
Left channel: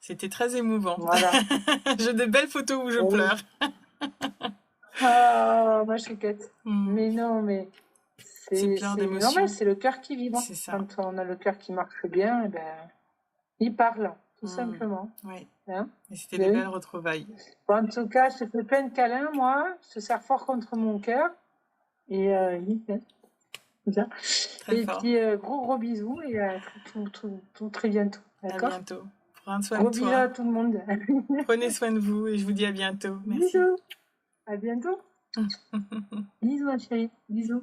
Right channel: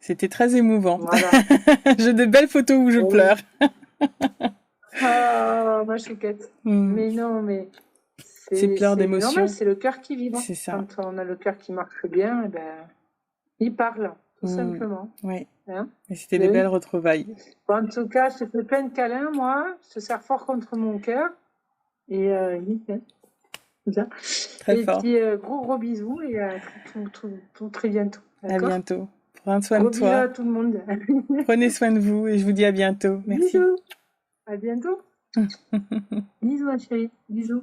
C'était très émouvant. Voilà. J'ai des belles photos où je pleure. Ah, ma chouquette. Mais non, mais c'est plein d'émotions. Normal, c'est le cœur qui vibre. C'est ça. Quand on a le cœur qui marche bien, il parle, tout simplement. Oui. Hein? Et c'était des belles retrouvailles. Bon, en tout cas, je te fais plein de câlins, moi. Je te serre fort contre mon cœur. Et bien. Très fort. Puis, gros bisous et à tout très bientôt. D'accord ? À bientôt. Prends soin de toi. Bisous à tout le monde. Prenez soin de vous et je vous dis à bientôt. Merci. Bisous. À bientôt. Bisous, ma chérie. Bisous.